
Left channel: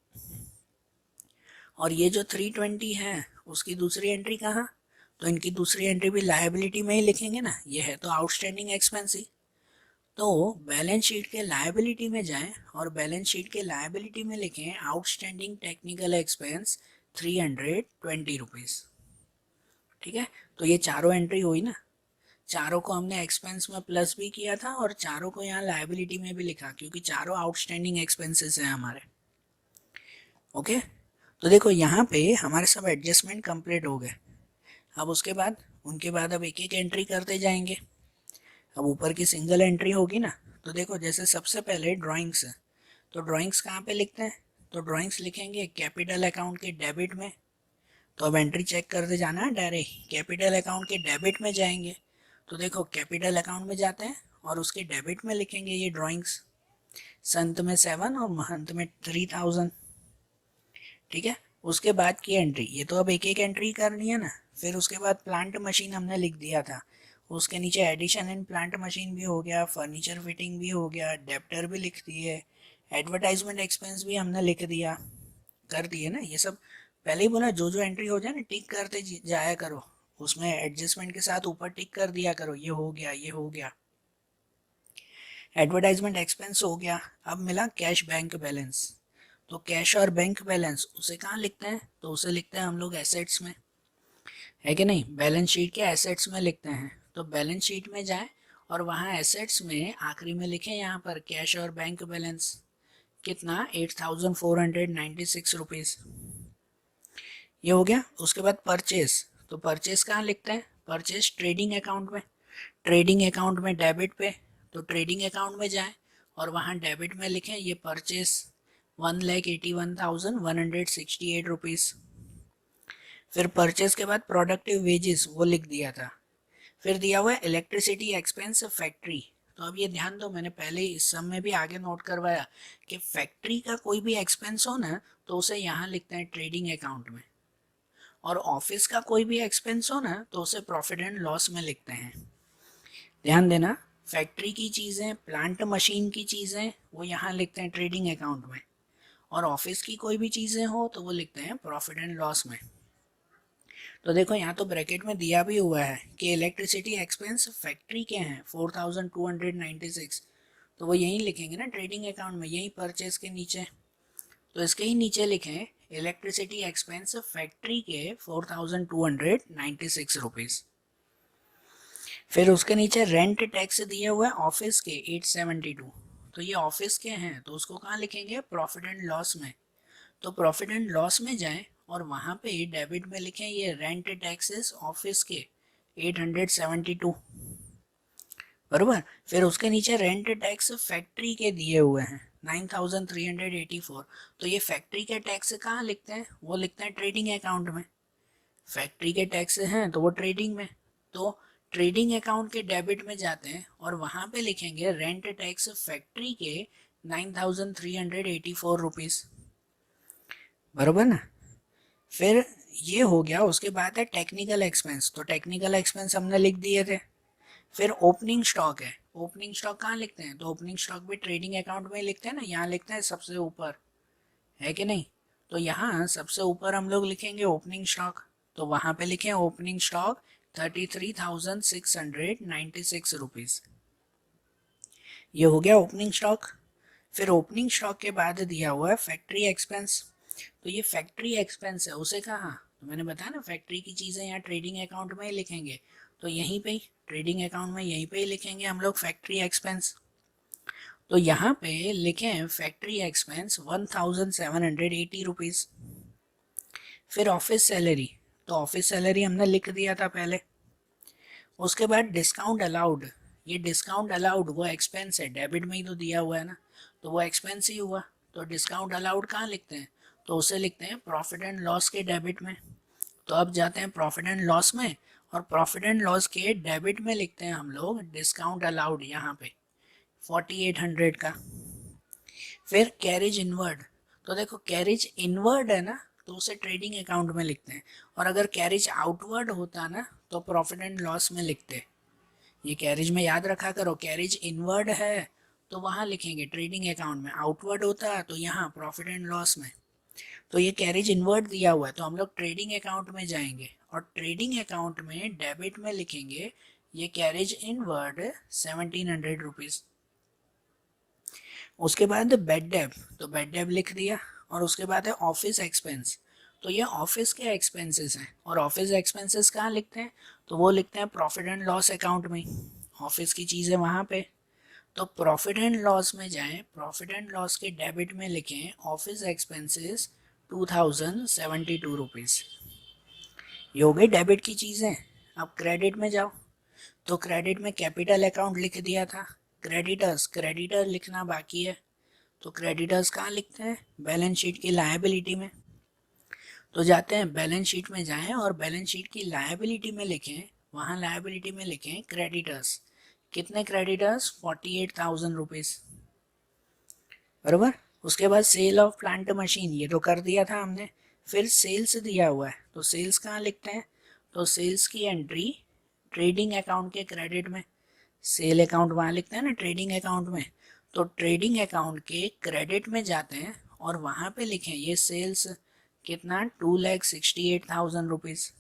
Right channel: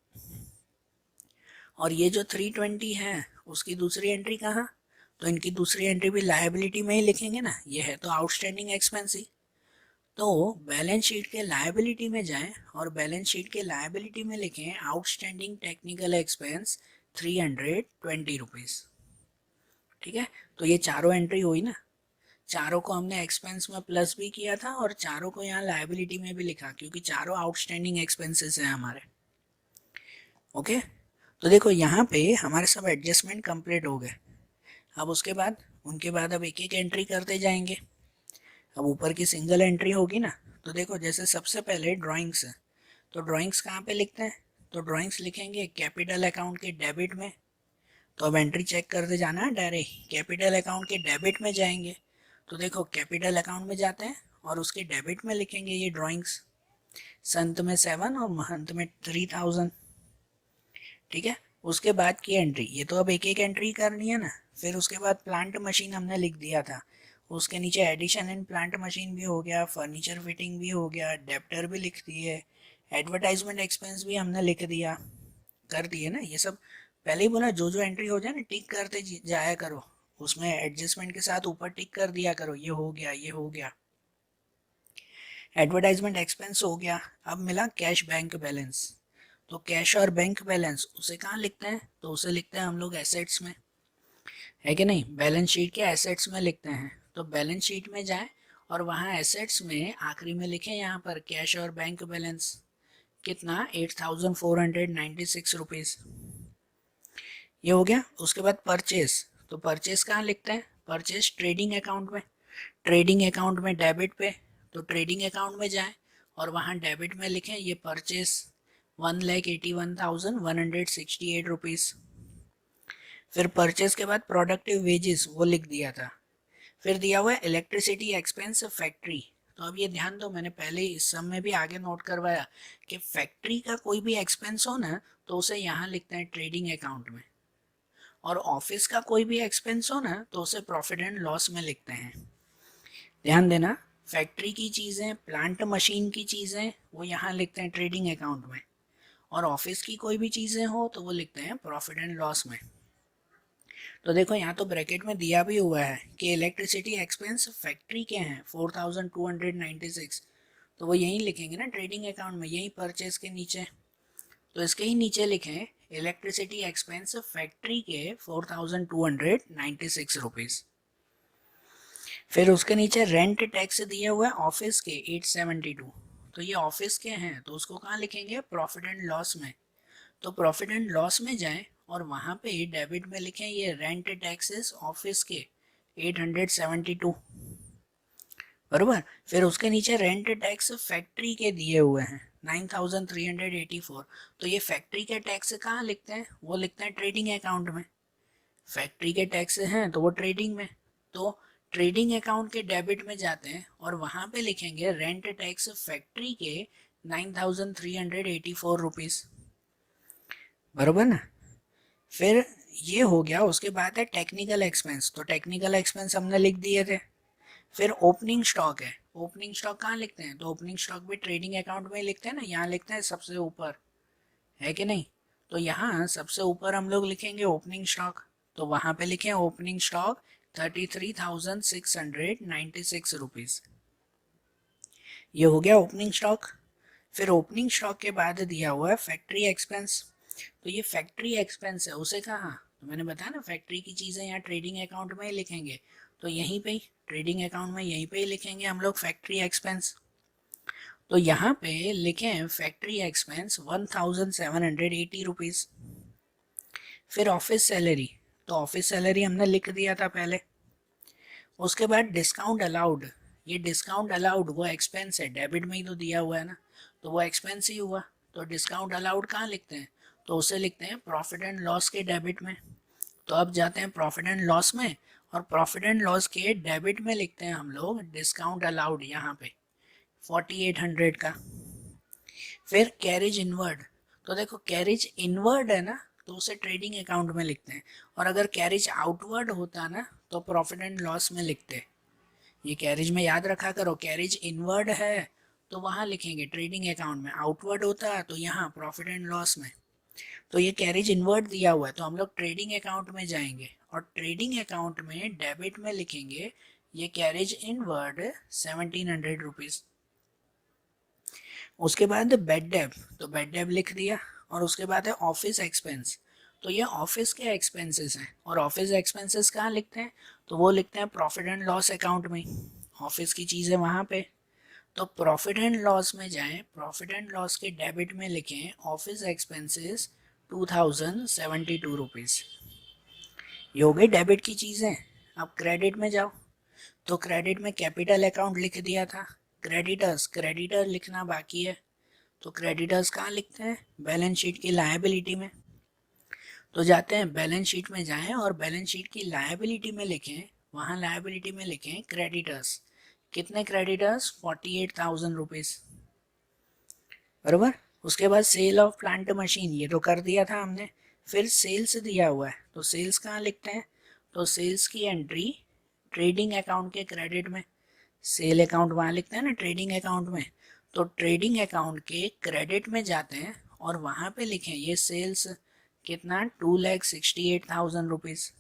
और ये जो 320 है उसकी दूसरी एंट्री कहाँ, तो इनकी दूसरी एंट्री भी लायबिलिटी में ही लिखेंगे ना, ये है तो आउटस्टैंडिंग एक्सपेंस ही। तो बैलेंस शीट के लायबिलिटी में जाएं और बैलेंस शीट के लायबिलिटी में लिखें आउटस्टैंडिंग टेक्निकल एक्सपेंस 320 रुपीज। ठीक है, तो ये चारों एंट्री हुई ना, चारों को हमने एक्सपेंस में प्लस भी किया था और चारों को यहाँ लायबिलिटी में भी लिखा, क्योंकि चारों आउटस्टैंडिंग एक्सपेंसेस हैं हमारे। ओके, तो देखो यहाँ पे हमारे सब एडजस्टमेंट कंप्लीट हो गए। अब उसके बाद उनके बाद अब एक एक एंट्री करते जाएंगे। अब ऊपर की सिंगल एंट्री होगी ना, तो देखो जैसे सबसे पहले ड्राइंग्स है, तो ड्राइंग्स कहाँ पे लिखते हैं, तो ड्राइंग्स लिखेंगे कैपिटल अकाउंट के डेबिट में। तो अब एंट्री चेक करते जाना है, डायरेक्ट कैपिटल अकाउंट के डेबिट में जाएंगे। तो देखो कैपिटल अकाउंट में जाते हैं और उसके डेबिट में लिखेंगे ये ड्राइंग्स, संत में 7 और महंत में 3,000। ठीक है। उसके बाद की एंट्री, ये तो अब एक एक एंट्री करनी है ना। फिर उसके बाद प्लांट मशीन हमने लिख दिया था, उसके नीचे एडिशन इन प्लांट मशीन भी हो गया, फर्नीचर फिटिंग भी हो गया, डेप्टर भी लिख दिए, एडवर्टाइजमेंट एक्सपेंस भी हमने लिख दिया, कर दिए ना ये सब। पहले ही बोला जो जो एंट्री हो जाए ना टिक करते जाया करो, उसमें एडजस्टमेंट के साथ ऊपर टिक कर दिया करो, ये हो गया ये हो गया। एडवर्टाइजमेंट एक्सपेंस हो गया। अब मिला कैश बैंक बैलेंस। तो कैश और बैंक बैलेंस उसे कहाँ लिखते हैं, तो उसे लिखते हैं हम लोग एसेट्स में, है कि नहीं। बैलेंस शीट के एसेट्स में लिखते हैं, तो बैलेंस शीट में जाए और वहाँ एसेट्स में आखिरी में लिखें यहाँ पर कैश और बैंक बैलेंस, कितना 8496 रुपीज़, ये हो गया। उसके बाद परचेज, तो परचेज कहाँ लिखते हैं, परचेज ट्रेडिंग अकाउंट में, ट्रेडिंग अकाउंट में डेबिट पे, तो ट्रेडिंग अकाउंट में जाएं और वहाँ डेबिट में लिखें ये परचेज 1,81,168 रुपीज़। फिर परचेज के बाद प्रोडक्टिव वेजेस वो लिख दिया था। फिर दिया हुआ है इलेक्ट्रिसिटी एक्सपेंस फैक्ट्री। तो अब ये ध्यान दो, मैंने पहले इस सब में भी आगे नोट करवाया कि फैक्ट्री का कोई भी एक्सपेंस हो ना तो उसे यहाँ लिखते हैं ट्रेडिंग अकाउंट में, और ऑफिस का कोई भी एक्सपेंस हो ना तो उसे प्रॉफिट एंड लॉस में लिखते हैं। ध्यान देना, फैक्ट्री की चीज़ें, प्लांट मशीन की चीज़ें वो यहाँ लिखते हैं ट्रेडिंग अकाउंट में, और ऑफिस की कोई भी चीज़ें हो तो वो लिखते हैं प्रॉफिट एंड लॉस में। तो देखो यहाँ तो ब्रैकेट में दिया भी हुआ है कि इलेक्ट्रिसिटी एक्सपेंस फैक्ट्री के हैं 4296, तो वो यहीं लिखेंगे ना ट्रेडिंग अकाउंट में, यहीं परचेज के नीचे। तो इसके ही नीचे लिखें इलेक्ट्रिसिटी एक्सपेंस फैक्ट्री के 4296 रुपीज़। फिर उसके नीचे रेंट टैक्स दिया हुआ है ऑफिस के 872, तो ये ऑफिस के हैं तो उसको कहाँ लिखेंगे, प्रॉफिट एंड लॉस में। तो प्रॉफिट एंड लॉस में जाएं और वहाँ पे डेबिट में लिखें ये रेंट टैक्सेस ऑफिस के 872, बरोबर। फिर उसके नीचे रेंट टैक्स फैक्ट्री के दिए हुए हैं 9384, तो ये फैक्ट्री के टैक्स कहाँ लिखते हैं, वो लिखते हैं ट्रेडिंग अकाउंट में। फैक्ट्री के टैक्स हैं तो वो ट्रेडिंग में, तो ट्रेडिंग अकाउंट के डेबिट में जाते हैं और वहाँ पे लिखेंगे रेंट टैक्स फैक्ट्री के 9384 रुपीज़, बरोबर ना। फिर ये हो गया। उसके बाद है टेक्निकल एक्सपेंस, तो टेक्निकल एक्सपेंस हमने लिख दिए थे। फिर ओपनिंग स्टॉक है, ओपनिंग स्टॉक कहाँ लिखते हैं, तो ओपनिंग स्टॉक भी ट्रेडिंग अकाउंट में लिखते हैं ना, यहाँ लिखते हैं सबसे ऊपर, है कि नहीं। तो यहाँ सबसे ऊपर हम लोग लिखेंगे ओपनिंग स्टॉक, तो वहाँ पे लिखें ओपनिंग स्टॉक 33,696 रुपीज़, ये हो गया ओपनिंग स्टॉक। फिर ओपनिंग स्टॉक के बाद दिया हुआ है फैक्ट्री एक्सपेंस, तो ये फैक्ट्री एक्सपेंस है उसे कहाँ, तो मैंने बताया ना फैक्ट्री की चीज़ें यहाँ ट्रेडिंग अकाउंट में ही लिखेंगे, तो यहीं पे ही ट्रेडिंग अकाउंट में यहीं पे ही लिखेंगे हम लोग फैक्ट्री एक्सपेंस। तो यहाँ पे लिखें फैक्ट्री एक्सपेंस 1,780 रुपीज़। फिर ऑफिस सैलरी, तो ऑफिस सैलरी हमने लिख दिया था पहले। उसके बाद डिस्काउंट अलाउड, ये डिस्काउंट अलाउड वो एक्सपेंस है, डेबिट में ही तो दिया हुआ है ना, तो वो एक्सपेंस ही हुआ। तो डिस्काउंट अलाउड कहाँ लिखते हैं, तो उसे लिखते हैं प्रॉफिट एंड लॉस के डेबिट में। तो अब जाते हैं प्रॉफिट एंड लॉस में, और प्रॉफिट एंड लॉस के डेबिट में लिखते हैं हम लोग डिस्काउंट अलाउड यहाँ पे 4800 का। फिर कैरेज इनवर्ड, तो देखो कैरेज इनवर्ड है ना तो उसे ट्रेडिंग अकाउंट में लिखते हैं, और अगर कैरेज आउटवर्ड होता ना तो प्रॉफिट एंड लॉस में लिखते हैं। ये कैरेज में याद रखा करो, कैरेज इनवर्ड है तो वहाँ लिखेंगे ट्रेडिंग अकाउंट में, आउटवर्ड होता है तो यहाँ प्रॉफिट एंड लॉस में। तो ये कैरेज इनवर्ड दिया हुआ है तो हम लोग ट्रेडिंग अकाउंट में जाएंगे और ट्रेडिंग अकाउंट में डेबिट में लिखेंगे ये कैरेज इनवर्ड 1700 रुपीज़। उसके बाद बेड डेब, तो बेड डेब लिख दिया। और उसके बाद है ऑफिस एक्सपेंस, तो ये ऑफिस के एक्सपेंसेस हैं, और ऑफिस एक्सपेंसेस कहाँ लिखते हैं, तो वो लिखते हैं प्रॉफिट एंड लॉस अकाउंट में, ऑफिस की चीज़ें वहाँ पे। तो प्रॉफिट एंड लॉस में जाएं, प्रॉफिट एंड लॉस के डेबिट में लिखें ऑफिस एक्सपेंसेस 2072 रुपीज़, ये हो गई डेबिट की चीज़ें। अब क्रेडिट में जाओ, तो क्रेडिट में कैपिटल अकाउंट लिख दिया था। क्रेडिटर्स, क्रेडिटर लिखना बाकी है, तो क्रेडिटर्स कहाँ लिखते हैं, बैलेंस शीट की लायबिलिटी में। तो जाते हैं बैलेंस शीट में जाएं और बैलेंस शीट की लायबिलिटी में लिखें, वहाँ लायबिलिटी में लिखें क्रेडिटर्स, कितने क्रेडिटर्स 48,000 रुपीज़, बराबर। उसके बाद सेल ऑफ प्लांट मशीन, ये तो कर दिया था हमने। फिर सेल्स दिया हुआ है, तो सेल्स कहाँ लिखते हैं, तो सेल्स की एंट्री ट्रेडिंग अकाउंट के क्रेडिट में, सेल अकाउंट वहाँ लिखते हैं ना ट्रेडिंग अकाउंट में, तो ट्रेडिंग अकाउंट के क्रेडिट में जाते हैं और वहाँ पे लिखें ये सेल्स कितना 2,68,000 रुपीज़।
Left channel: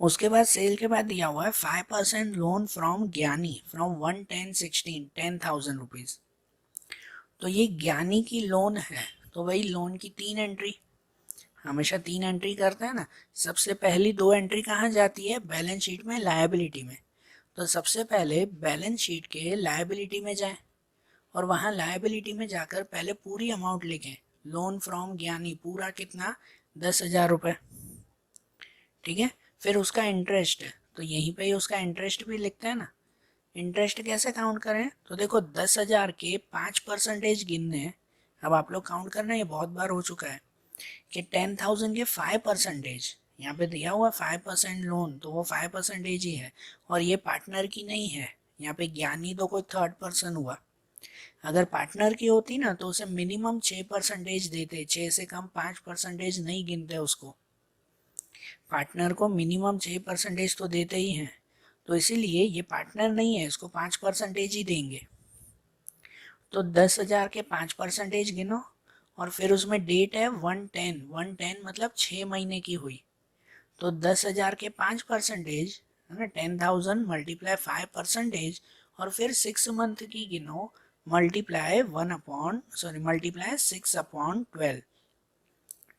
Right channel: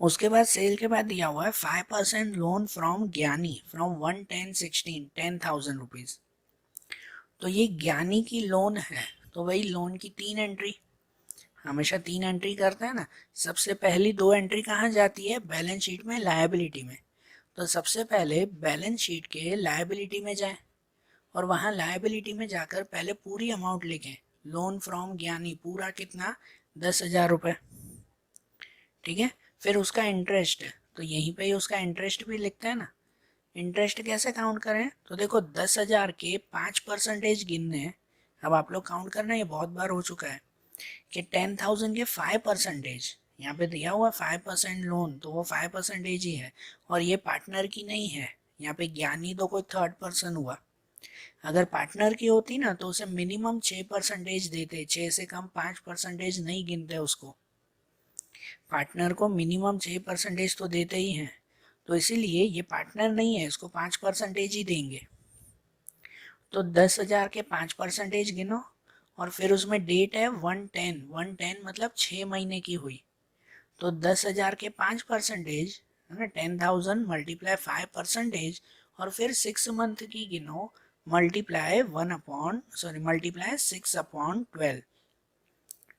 उसके बाद सेल के बाद दिया हुआ है 5% लोन फ्रॉम ज्ञानी फ्रॉम 11016 10,000 रुपीज़। तो ये ज्ञानी की लोन है, तो वही लोन की 3 एंट्री, हमेशा 3 एंट्री करते हैं ना। सबसे पहली 2 एंट्री कहाँ जाती है, बैलेंस शीट में लायबिलिटी में। तो सबसे पहले बैलेंस शीट के लायबिलिटी में जाएं और वहाँ लायबिलिटी में जाकर पहले पूरी अमाउंट लिखें, लोन फ्रॉम ज्ञानी पूरा कितना 10,000 रुपये, ठीक है। फिर उसका इंटरेस्ट है, तो यहीं पे ही उसका इंटरेस्ट भी लिखते हैं ना। इंटरेस्ट कैसे काउंट करें, तो देखो 10,000 के 5% गिनने हैं। अब आप लोग काउंट करना, ये बहुत बार हो चुका है कि 10,000 के 5%, यहाँ पे दिया हुआ 5% लोन, तो वो 5% ही है और ये पार्टनर की नहीं है। यहाँ पे ज्ञानी तो कोई थर्ड पर्सन हुआ, अगर पार्टनर की होती ना तो उसे मिनिमम 6% देते, 6 से कम 5% नहीं गिनते उसको। पार्टनर को मिनिमम 6% तो देते ही हैं, तो इसीलिए ये पार्टनर नहीं है, इसको 5% ही देंगे। तो 10,000 के 5% गिनो और फिर उसमें डेट है 110 मतलब 6 महीने की हुई, तो 10,000 के 5% है ना 10,000 मल्टीप्लाई 5% और फिर 6 मंथ की गिनो मल्टीप्लाई 6/12,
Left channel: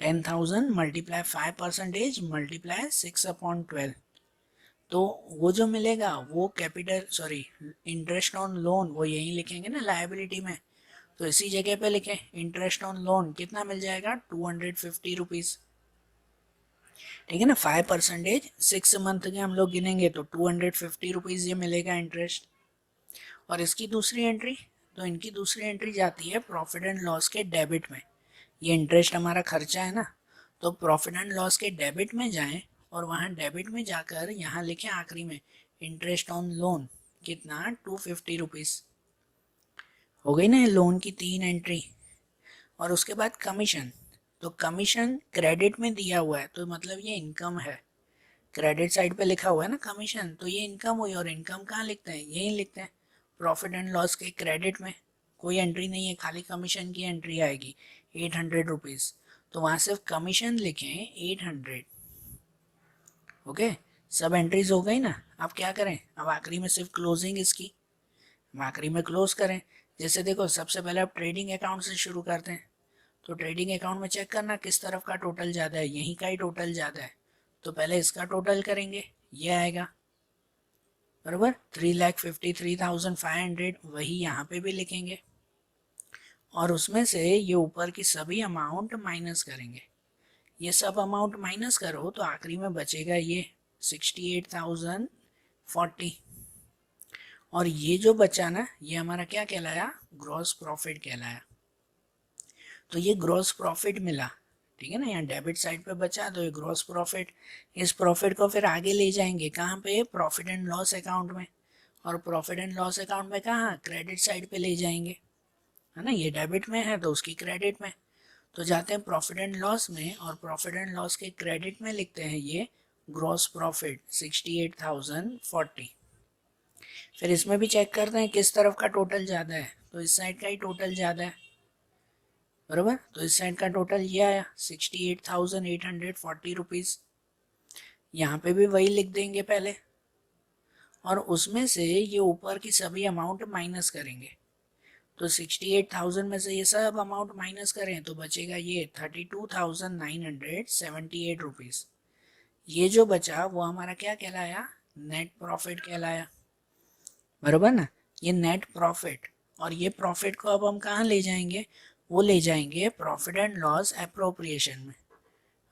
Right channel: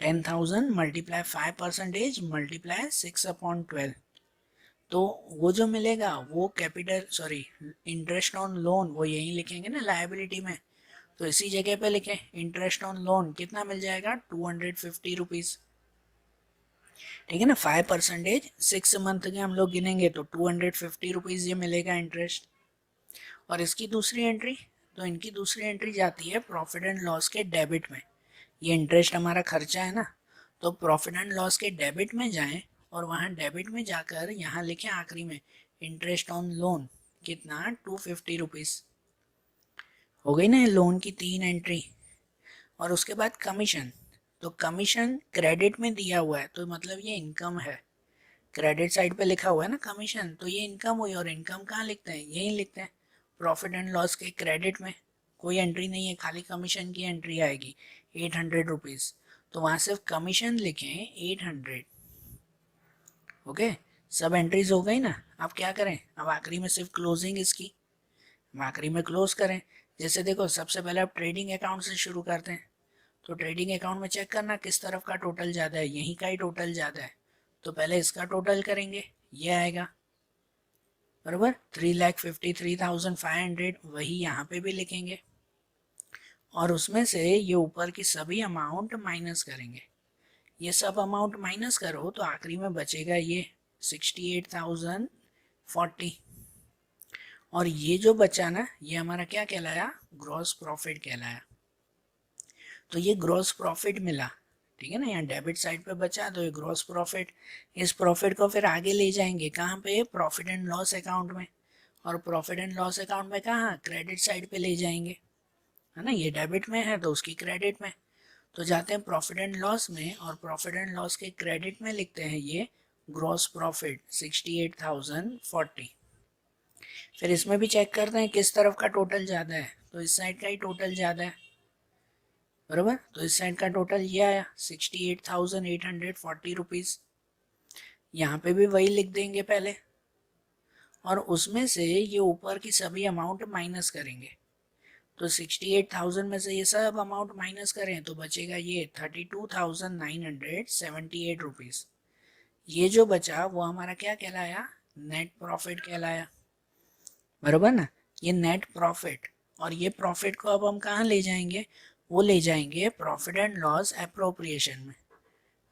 10,000 मल्टीप्लाई 5% मल्टीप्लाई 6/12, तो वो जो मिलेगा वो कैपिटल इंटरेस्ट ऑन लोन वो यही लिखेंगे ना लायबिलिटी में, तो इसी जगह पे लिखें इंटरेस्ट ऑन लोन कितना मिल जाएगा 250 रुपीज़, ठीक है ना। 5% 6 मंथ के हम लोग गिनेंगे तो 250 रुपीज़ ये मिलेगा इंटरेस्ट। और इसकी दूसरी एंट्री, तो इनकी दूसरी एंट्री जाती है प्रॉफिट एंड लॉस के डेबिट में। ये इंटरेस्ट हमारा खर्चा है ना, तो प्रॉफिट एंड लॉस के डेबिट में जाएं और वहाँ डेबिट में जाकर यहाँ लिखें आखिरी में इंटरेस्ट ऑन लोन कितना 250 रुपीज़। हो गई ना ये लोन की 3 एंट्री। और उसके बाद कमीशन, तो कमीशन क्रेडिट में दिया हुआ है तो मतलब ये इनकम है, क्रेडिट साइड पे लिखा हुआ है ना कमीशन, तो ये इनकम हुई। और इनकम कहाँ लिखते हैं, यही लिखते हैं प्रॉफिट एंड लॉस के क्रेडिट में, कोई एंट्री नहीं है, खाली कमीशन की एंट्री आएगी 800 रुपीज़, तो वहाँ सिर्फ कमीशन लिखें 800। ओके, सब एंट्रीज हो गई ना। अब क्या करें, अब आखिरी में सिर्फ क्लोजिंग इसकी, हम आखिरी में क्लोज करें। जैसे देखो सबसे पहले आप ट्रेडिंग अकाउंट से शुरू करते हैं, तो ट्रेडिंग अकाउंट में चेक करना किस तरफ का टोटल ज़्यादा है, यहीं का ही टोटल ज़्यादा है, तो पहले इसका टोटल करेंगे, ये आएगा बराबर 3,53,500, वही यहाँ पे भी लिखेंगे और उसमें से ये ऊपर की सभी अमाउंट माइनस करेंगे। ये सब अमाउंट माइनस करो तो आखिरी में बचेगा ये 68,040, और ये जो बचा ना ये हमारा क्या कहलाया, ग्रॉस प्रॉफिट कहलाया। तो ये ग्रॉस प्रॉफिट मिला, ठीक है ना, यहाँ डेबिट साइड पे बचा तो ये ग्रॉस प्रॉफिट। इस प्रॉफिट को फिर आगे ले जाएंगे कहाँ पे, प्रॉफिट एंड लॉस अकाउंट में, और प्रॉफिट एंड लॉस अकाउंट में कहाँ, क्रेडिट साइड पे ले जाएंगे, है ना, ये डेबिट में है तो उसकी क्रेडिट में। तो जाते हैं प्रॉफिट एंड लॉस में और प्रॉफिट एंड लॉस के क्रेडिट में लिखते हैं ये ग्रॉस प्रॉफिट 68,040। फिर इसमें भी चेक करते हैं किस तरफ का टोटल ज़्यादा है, तो इस साइड का ही टोटल ज़्यादा है बराबर, तो इस साइड का टोटल ये आया 68,840 रुपीज़। यहाँ पे भी वही लिख देंगे पहले और उसमें से ये ऊपर की सभी अमाउंट माइनस करेंगे, तो 68,000 में से ये सब अमाउंट माइनस करें तो बचेगा ये 32,978 रुपीज़। ये जो बचा वो हमारा क्या कहलाया, नेट प्रॉफिट कहलाया बराबर ना, ये नेट प्रॉफिट। और ये प्रॉफिट को अब हम कहाँ ले जाएंगे, वो ले जाएंगे प्रॉफिट एंड लॉस एप्रोप्रिएशन में,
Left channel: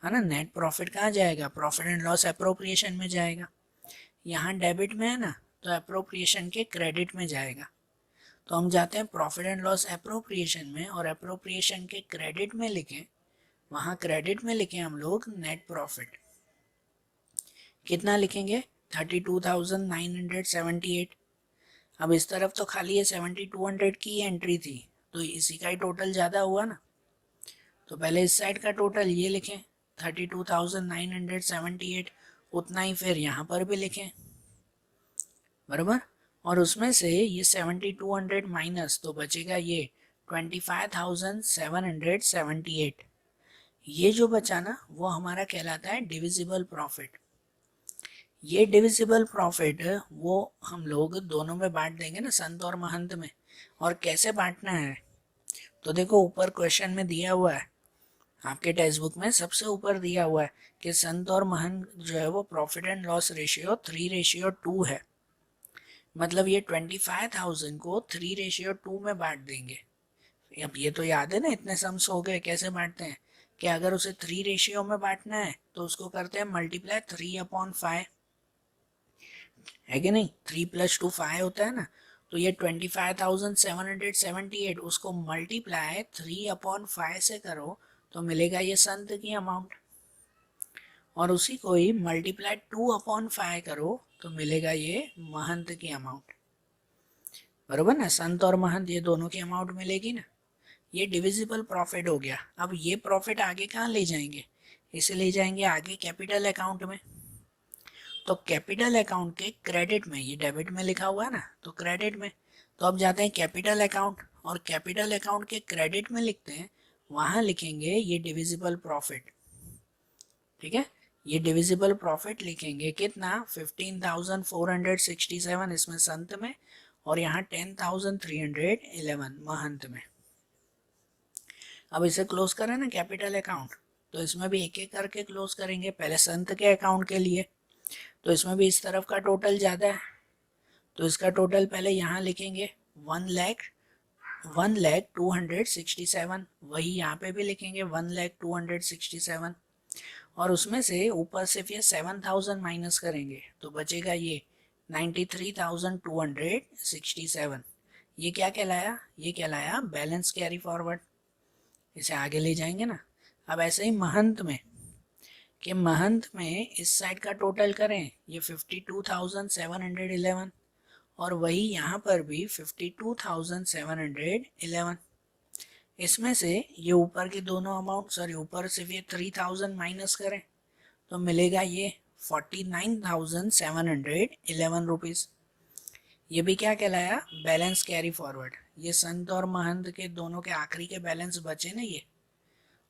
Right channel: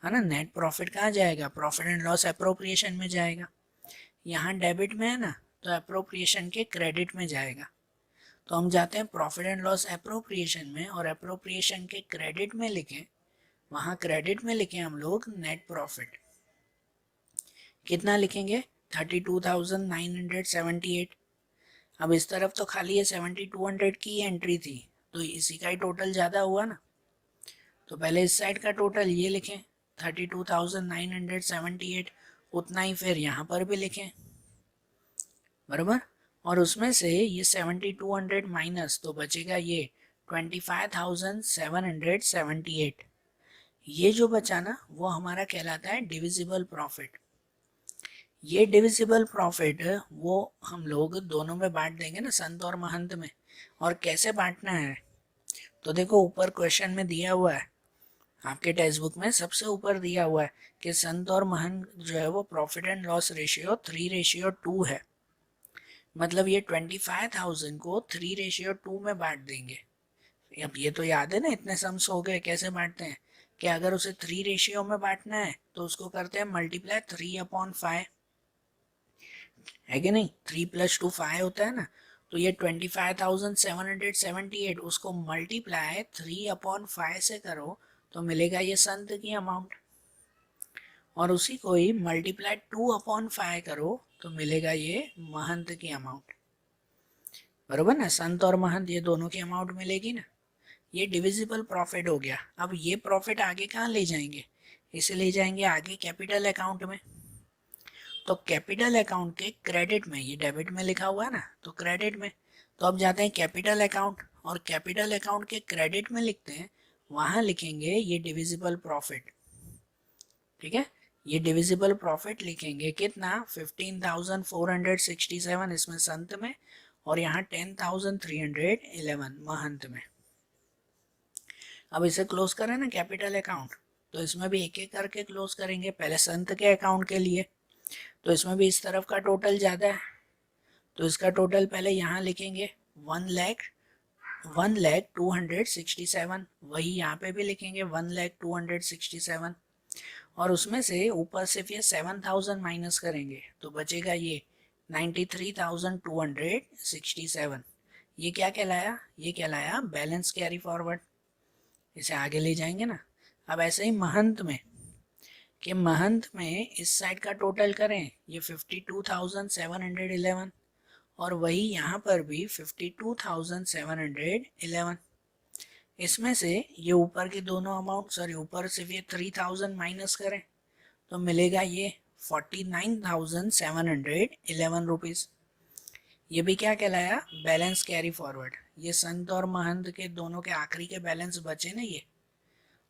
है ना। नेट प्रॉफिट कहाँ जाएगा, प्रॉफिट एंड लॉस एप्रोप्रिएशन में जाएगा। यहाँ डेबिट में है ना, तो एप्रोप्रिएशन के क्रेडिट में जाएगा। तो हम जाते हैं प्रॉफिट एंड लॉस एप्रोप्रिएशन में और एप्रोप्रिएशन के क्रेडिट में लिखें, वहाँ क्रेडिट में लिखें हम लोग नेट प्रॉफिट, कितना लिखेंगे 32,978। अब इस तरफ तो खाली ये 7,200 की एंट्री थी, तो इसी का ही टोटल ज़्यादा हुआ ना। तो पहले इस साइड का टोटल ये लिखें 32,978, उतना ही फिर यहाँ पर भी लिखें, बराबर। और उसमें से ये 7,200 माइनस, तो बचेगा ये 25,778। ये जो बचा ना वो हमारा कहलाता है डिविजिबल प्रॉफिट। ये डिविजिबल प्रॉफिट वो हम लोग दोनों में बांट देंगे ना, संत और महंत में। और कैसे बांटना है, तो देखो ऊपर क्वेश्चन में दिया हुआ है, आपके टेक्स्ट बुक में सबसे ऊपर दिया हुआ है कि संत और महंत जो है वो प्रॉफिट एंड लॉस रेशियो 3:2 है। मतलब ये 25,000 को 3:2 में बांट देंगे। अब ये तो याद है ना, इतने सम्स हो गए। कैसे बांटते हैं कि अगर उसे 3 रेशियो में बांटना है तो उसको करते हैं मल्टीप्लाई 3/5, है कि नहीं। 3 + 2 5 होता है ना। तो ये 25,778 उसको मल्टीप्लाई 3/5 से करो तो मिलेगा ये संत की अमाउंट। और उसी को ही मल्टीप्लाई 2/5 करो तो मिलेगा ये महंत की अमाउंट, बरोबर ना। संत और महंत ये दोनों की अमाउंट मिलेगी ना। ये डिविजिबल प्रॉफिट हो गया। अब ये प्रॉफिट आगे कहाँ ले जाएंगे, इसे ले जाएंगे आगे कैपिटल अकाउंट में। तो कैपिटल अकाउंट के क्रेडिट में, ये डेबिट में लिखा हुआ है ना, तो क्रेडिट में। तो अब जाते हैं कैपिटल अकाउंट, और कैपिटल अकाउंट के क्रेडिट में लिखते हैं, वहां लिखेंगे ये डिविजिबल प्रॉफिट। ठीक है, ये डिविजिबल प्रॉफिट लिखेंगे कितना, 15,467 इसमें संत में, और यहाँ 10,311 महंत में। अब इसे क्लोज करें ना कैपिटल अकाउंट, तो इसमें भी एक एक करके क्लोज करेंगे। पहले संत के अकाउंट के लिए, तो इसमें भी इस तरफ का टोटल ज़्यादा है, तो इसका टोटल पहले यहाँ लिखेंगे 1,02,67, वही यहाँ पे भी लिखेंगे 1,02,67। और उसमें से ऊपर से फिर 7,000 माइनस करेंगे तो बचेगा ये 93,267। ये क्या कहलाया, ये कहलाया बैलेंस कैरी फॉरवर्ड। इसे आगे ले जाएंगे ना। अब ऐसे ही महंत में, कि महंत में इस साइड का टोटल करें, ये 52,711, और वही यहाँ पर भी 52,711। इसमें से ये ऊपर के दोनों अमाउंट, सॉरी ऊपर से ये 3,000 माइनस करें तो मिलेगा ये 49,711 रुपीज़। ये भी क्या कहलाया, बैलेंस कैरी फॉरवर्ड। ये संत और महंत के दोनों के आखिरी के बैलेंस बचे ना ये,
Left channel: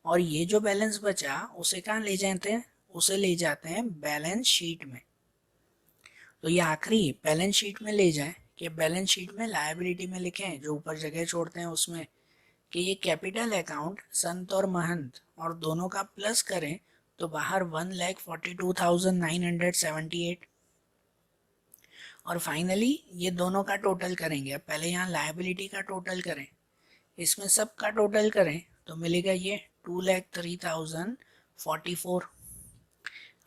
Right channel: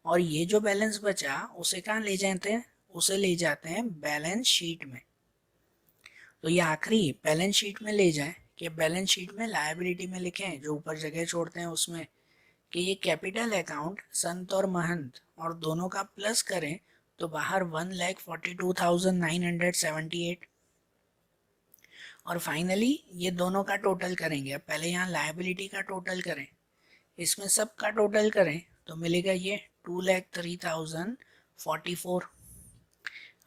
और ये जो बैलेंस बचा उसे कहाँ ले जाते हैं, उसे ले जाते हैं बैलेंस शीट में। तो ये आखिरी बैलेंस शीट में ले जाए, कि बैलेंस शीट में लायबिलिटी में लिखें, जो ऊपर जगह छोड़ते हैं उसमें, कि ये कैपिटल अकाउंट संत और महंत और दोनों का प्लस करें तो बाहर 1,42,978। और फाइनली ये दोनों का टोटल करेंगे। पहले यहाँ लायबिलिटी का टोटल करें, इसमें सब का टोटल करें तो मिलेगा ये 2,03,044।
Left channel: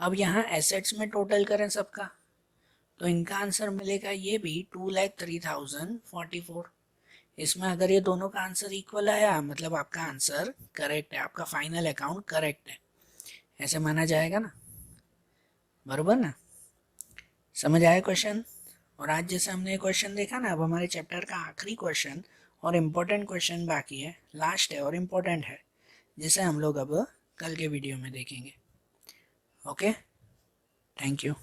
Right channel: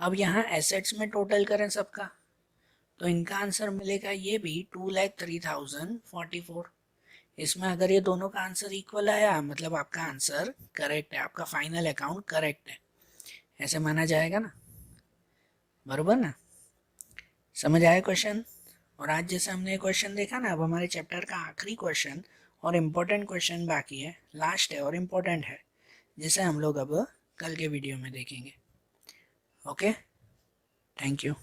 अब यहाँ एसेट्स में टोटल करें सबका, तो इनका आंसर मिलेगा ये भी 2,03,044। इसमें अगर ये दोनों का आंसर इक्वल आया मतलब आपका आंसर करेक्ट है, आपका फाइनल अकाउंट करेक्ट है, ऐसे माना जाएगा ना, बराबर ना। समझ आया क्वेश्चन। और आज जैसे हमने क्वेश्चन देखा ना, अब हमारे चैप्टर का आखिरी क्वेश्चन और इम्पोर्टेंट क्वेश्चन बाकी है, लास्ट है और इम्पोर्टेंट है, जिसे हम लोग अब कल के वीडियो में देखेंगे। Okay, thank you.